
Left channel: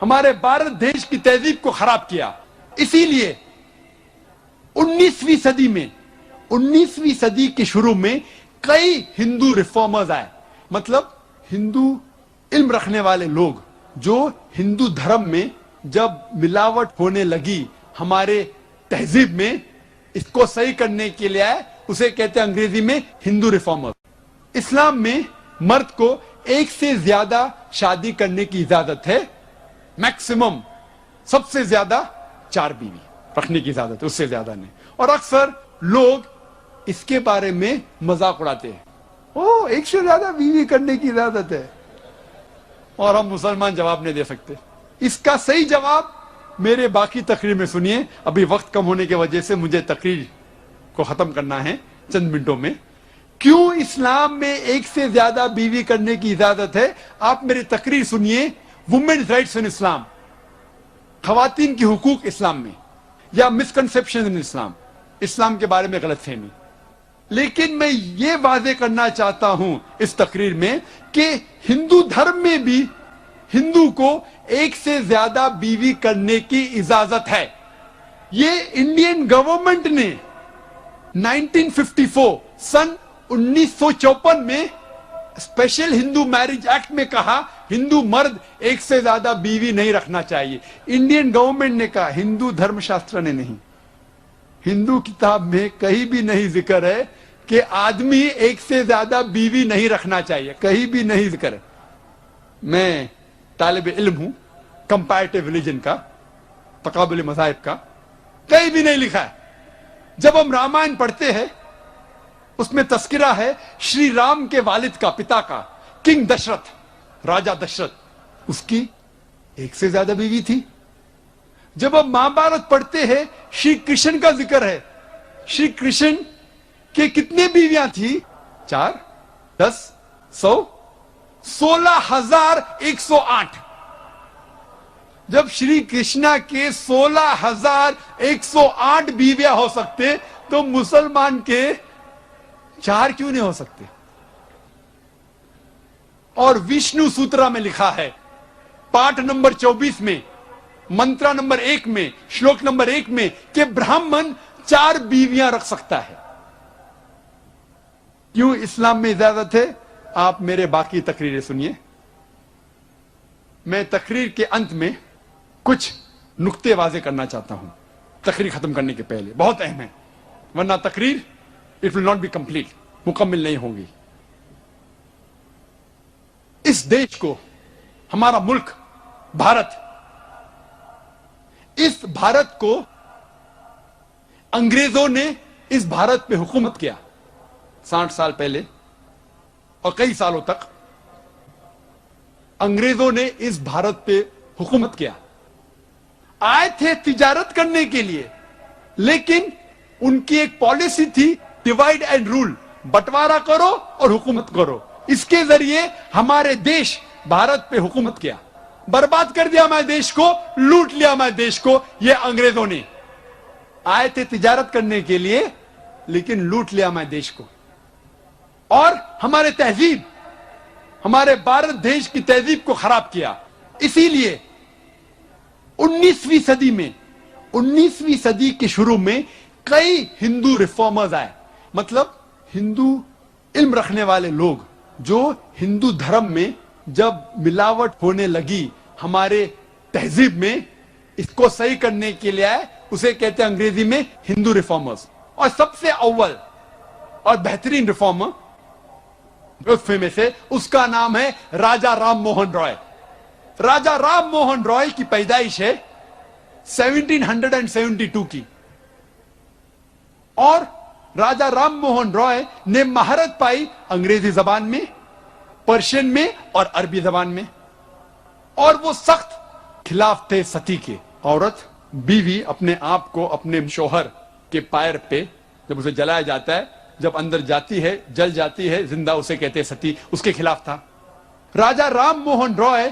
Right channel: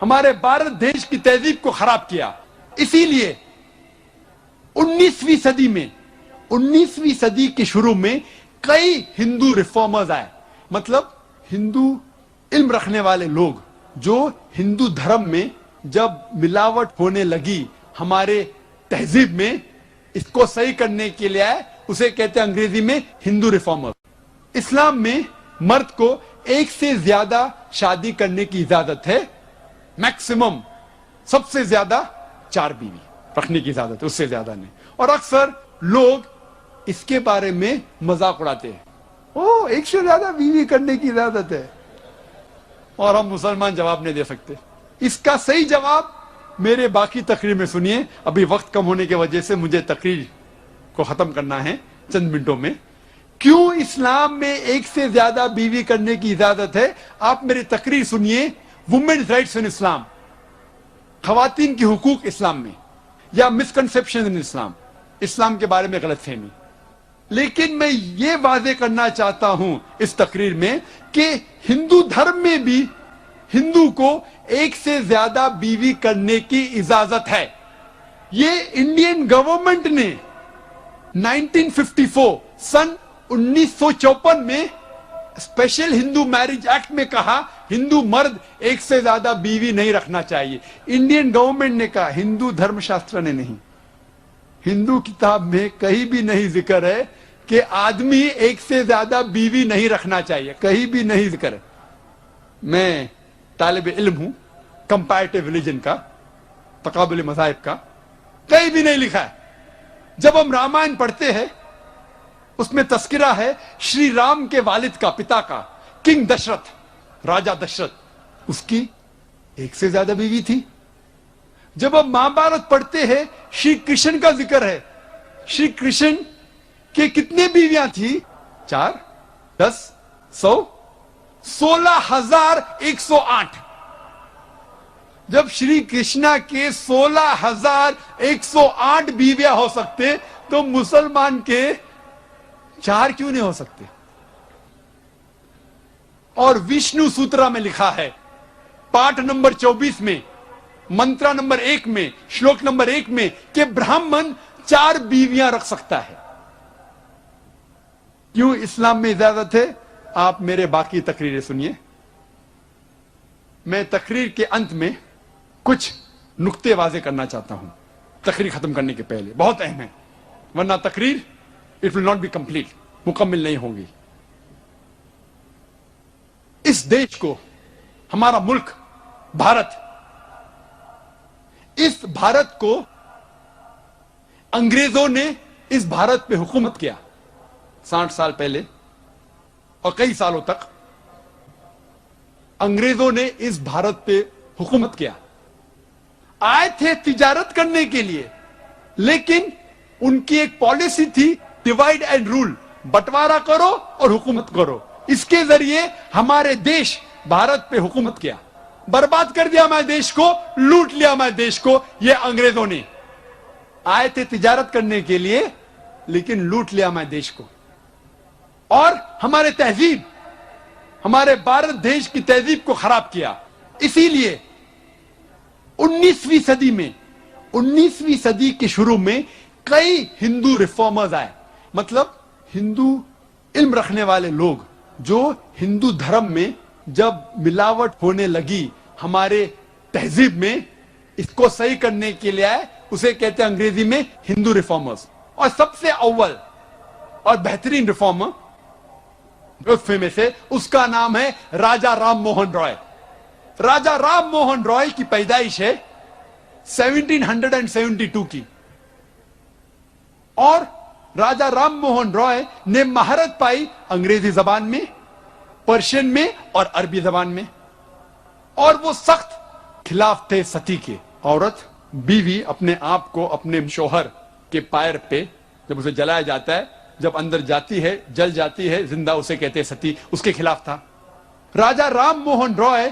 हमारे भारत देश की तहजीब को खराब किया। इसीलिए 19वीं सदी में, 19वीं सदी के शुरू में कई हिंदू रिफॉर्मर्स आए, मतलब हिंदू علم رکھنے والے لوگ جو ہندو دھرم میں جب ملاوٹ ہونے لگی ہمارے تہذیب میں اس کو صحیح کرنے کے لیے آئے، اسے کہتے ہیں انگریزی میں ہندو ریفارمر۔ اسلام میں مرد کو ایک سے زیادہ شادی کرنے کی اجازت ہے، میکسیمم سب سے زیادہ 4 بیوی رکھنے کی اجازت ہے، اس سے زیادہ نہیں۔ اور اکثر لوگ اس کے بارے میں مذاق اڑاتے ہیں، ایک سے زیادہ بیوی کرنے کی اجازت ہے، اور ہم مسلمان جواب نہیں دے سکتے۔ اس کا صحیح جواب میرے باقی تقریر میں سنیے، ابھی وقت کم ہونے کی وجہ سے مجھے تقریر کو ختم کرنا ہے چند منٹوں میں۔ کیوں اسلام میں ایک سے زیادہ بیوی کرنے کی اجازت ہے؟ آپ میری تقریر سنیے، وومنز رائٹس ان اسلام، خواتین کی حقوق اسلام میں، یا مسکنسپشن ان اسلام، اسلام کے بارے میں غلط فہمی۔ لیکن میں یہ واضح کرنا چاہتا ہوں اس تقریر میں کہ ہندو دھرم میں بھی ہندو کو ایک سے زیادہ بیوی کرنے کی اجازت ہے۔ یہ انڈین گورنمنٹ نے 1954 سن 1954 میں اسپیشل ہندو میرج ایکٹ میں کہا ہندو مرد ایک سے زیادہ بیوی نہیں رکھنا چاہیے۔ انڈین گورنمنٹ نے کہا، ہندو دھرم شاستر نے نہیں۔ ہندو کتاب میں کہیں بھی نہیں ذکر ہے کہ آدمی ایک سے زیادہ بیوی نہیں رکھنا چاہیے، کہیں بھی نہیں ذکر ہے۔ میں طالب علم ہوں کمپیریٹیو ریلیجن کا، تقابل مذاہب کا، کہیں بھی نہیں لکھا ہے۔ جب ہم رامائن پڑھتے ہیں اس میں تذکرہ ہے شری رام کے والد کا، پتا کا، کنگ دشرتھ، راجہ دشرتھ، اس کی ایک سے زیادہ بیوی تھی۔ جب ہم مہابھارت پڑھتے ہیں شری کرشن کا ذکر ہے، شری کرشن کے کتنے بیویاں تھی؟ 4، 10، 100، 16,108۔ جب شری کرشنا کے 16,108 بیویاں ہو سکتے تو مسلمان کے 4 کیوں نہیں ہو سکتے؟ اور وشنو سوترا میں لکھا ہے پاٹ نمبر 24 میں، منترا نمبر 1 میں، شلوک نمبر 1 میں کہ برہمن 4 بیویاں رکھ سکتا ہے۔ کیوں اسلام میں اجازت ہے؟ آپ میرے باقی تقریریں سنیے۔ میں تقریر کے انت میں کچھ نقطے واضح کرنا چاہتا ہوں تقریر ختم کرنے کے پہلے، بہت اہم ہے، ورنہ تقریر it will not be complete، مکمل نہیں ہوگی۔ اس دیش کو، ہمارا ملک بھارت، اس بھارت کو انگریزوں نے اس بھارت پہ حکومت کیا 60 سال پہلے، اور کئی سالوں تک انگریزوں نے اس بھارت پہ حکومت کیا۔ آئے تھے تجارت کرنے کے لیے، لیکن ان کی ایک پالیسی تھی ڈیوائڈ اینڈ رول، بٹوارا کرو اور حکومت کرو۔ اس کے ذریعے ہمارے دیش بھارت پہ حکومت کیا، برباد کر دیا ہمارے دیش کو، لوٹ لیا ہمارے دیش کو۔ یہ انگریزوں نے آئے تھے تجارت کرنے کے لیے، لیکن لوٹ لیا ہمارے دیش کو، اور ہمارے تہذیب، ہمارے بھارت دیش کی تہذیب کو خراب کیا۔ اسی لیے 19ویں صدی میں، 19ویں صدی کے شروع میں کئی ہندو ریفارمرز آئے، مطلب ہندو علم رکھنے والے لوگ جو ہندو دھرم میں جب ملاوٹ ہونے لگی ہمارے تہذیب میں، اس کو صحیح کرنے کے لیے آئے، اسے کہتے ہیں انگریزی میں ہندو ریفارمرز۔ اور سب سے اول اور بہترین ریفارمر اس میں سے، اس کا نام ہے راجہ رام موہن رائے۔ راجہ رام موہن رائے کی پیدائش ہے 1772 کی، اور راجہ رام موہن رائے نے مہارت پائی انگریزی زبان میں، پرشین میں اور عربی زبان میں، اور وہ سخت خلاف تھے ستی کے۔ عورت، بیوی اپنے آپ کو اپنے شوہر کے پیر پہ جب اسے جلایا جاتا ہے، جب اندر جاتی ہے جل جاتی ہے زندہ، اسے کہتے ہیں ستی، اس کے خلاف تھا۔ راجہ رام موہن رائے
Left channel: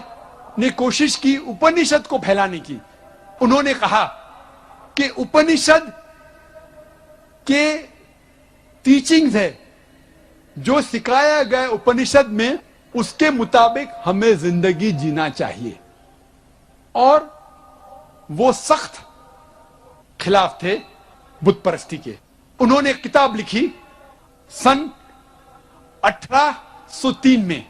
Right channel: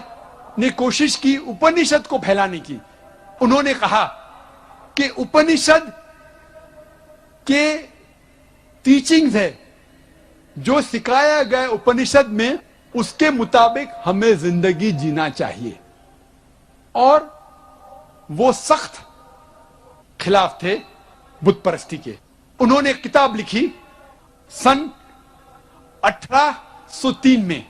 نے کوشش کی اپنشد کو پھیلانے کی۔ انہوں نے کہا کہ اپنشد کے ٹیچنگز ہے، جو سکھایا گیا اپنشد میں، اس کے مطابق ہمیں زندگی جینا چاہیے، اور وہ سخت خلاف تھے بت پرستی کے۔ انہوں نے ایک کتاب لکھی سن 1803 میں،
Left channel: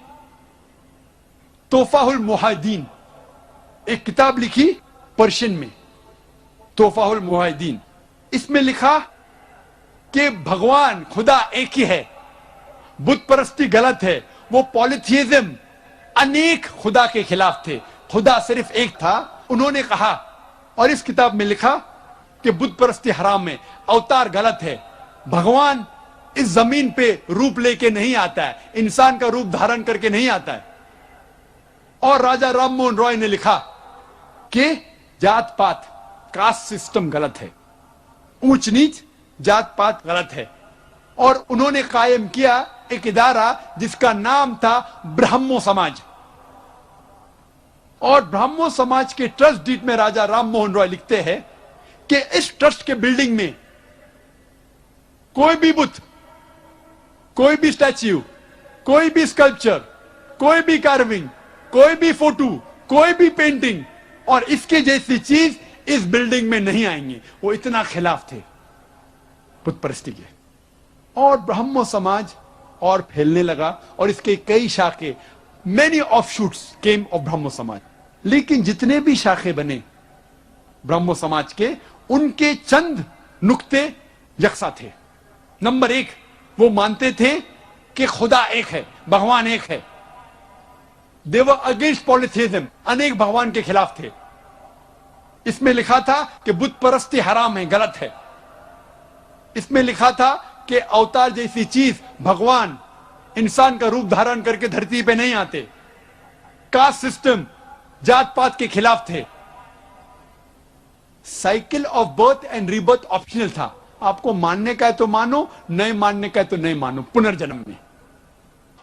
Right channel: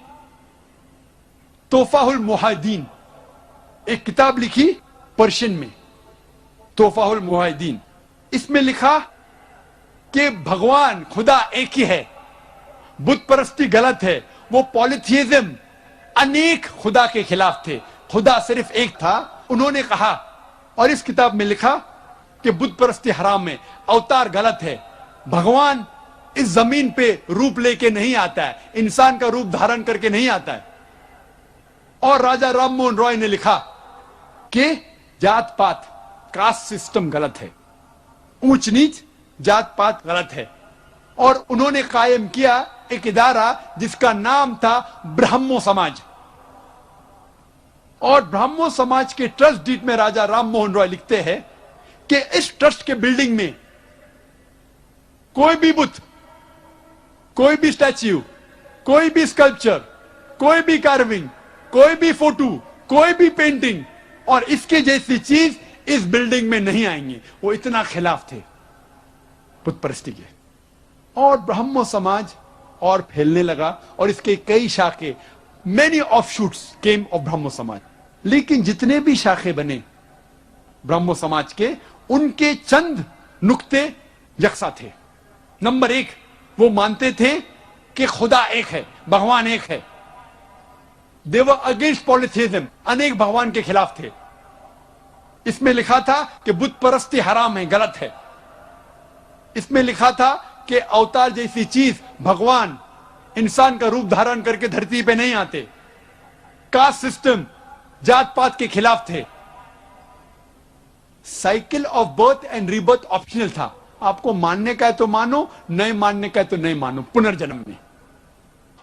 तोहफा उल मुहाजिदीन, एक किताब लिखी पर्शियन में, तोहफा उल मुहाजिदीन। इसमें लिखा कि भगवान खुदा एक ही है, बुत परस्ती गलत है, वो पॉलिथियज्म अनेक खुदा के खिलाफ थे, खुदा सिर्फ एक था। उन्होंने कहा, और इस किताब में लिखा कि बुत परस्ती हराम है, अवतार गलत है, भगवान इस जमीन पे रूप लेके नहीं आता है, इंसान का रूप धारण करके नहीं आता है। और राजा राम मोहन रॉय ने लिखा कि जात पात, कास्ट सिस्टम गलत है, ऊंच नीच जात पात गलत है। और उन्होंने कायम किया एक इदारा जिसका नाम था ब्राह्मो समाज। और ब्राह्मो समाज के ट्रस्ट डीड में राजा राम मोहन रॉय लिखते हैं कि इस ट्रस्ट के बिल्डिंग में कोई भी बुत, कोई भी स्टैच्यू, कोई भी स्कल्पचर, कोई भी कार्विंग, कोई भी फोटो, कोई भी पेंटिंग और इसके जैसी चीज इस बिल्डिंग में नहीं आएंगे। वो इतना खिलाफ थे बुत परस्ती के। और ब्राह्मो समाज और फैलने लगा और इसके कई शाखे, many offshoots came of Brahmo Samaj. लेकिन जितने भी शाखे बने ब्राह्मो समाज के, उनके चंद नुक्ते यकसा थे। नंबर एक, वो मानते थे कि खुदा एक है, भगवान एक है। दे वर अगेंस्ट पॉलिथियज्म, अनेक भगवान के खिलाफ थे। इसमें लिखा था कि बुत परस्ती हराम है, गलत है। इसमें लिखा था कि अवतार जैसी चीज, भगवान इंसान का रूप धारण करके धरती पे नहीं आते। कास्ट सिस्टम, जात पात के खिलाफ थे। Cycle of birth and rebirth optional था, आपको मानने का है तो मानो, नहीं मानने का है तो नहीं मानो, पुनर्जन्म में।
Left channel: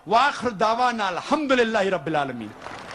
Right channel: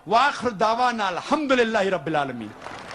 वाखिर दावाना अल्हम्दुलिल्लाहि रब्बिल आलमीन।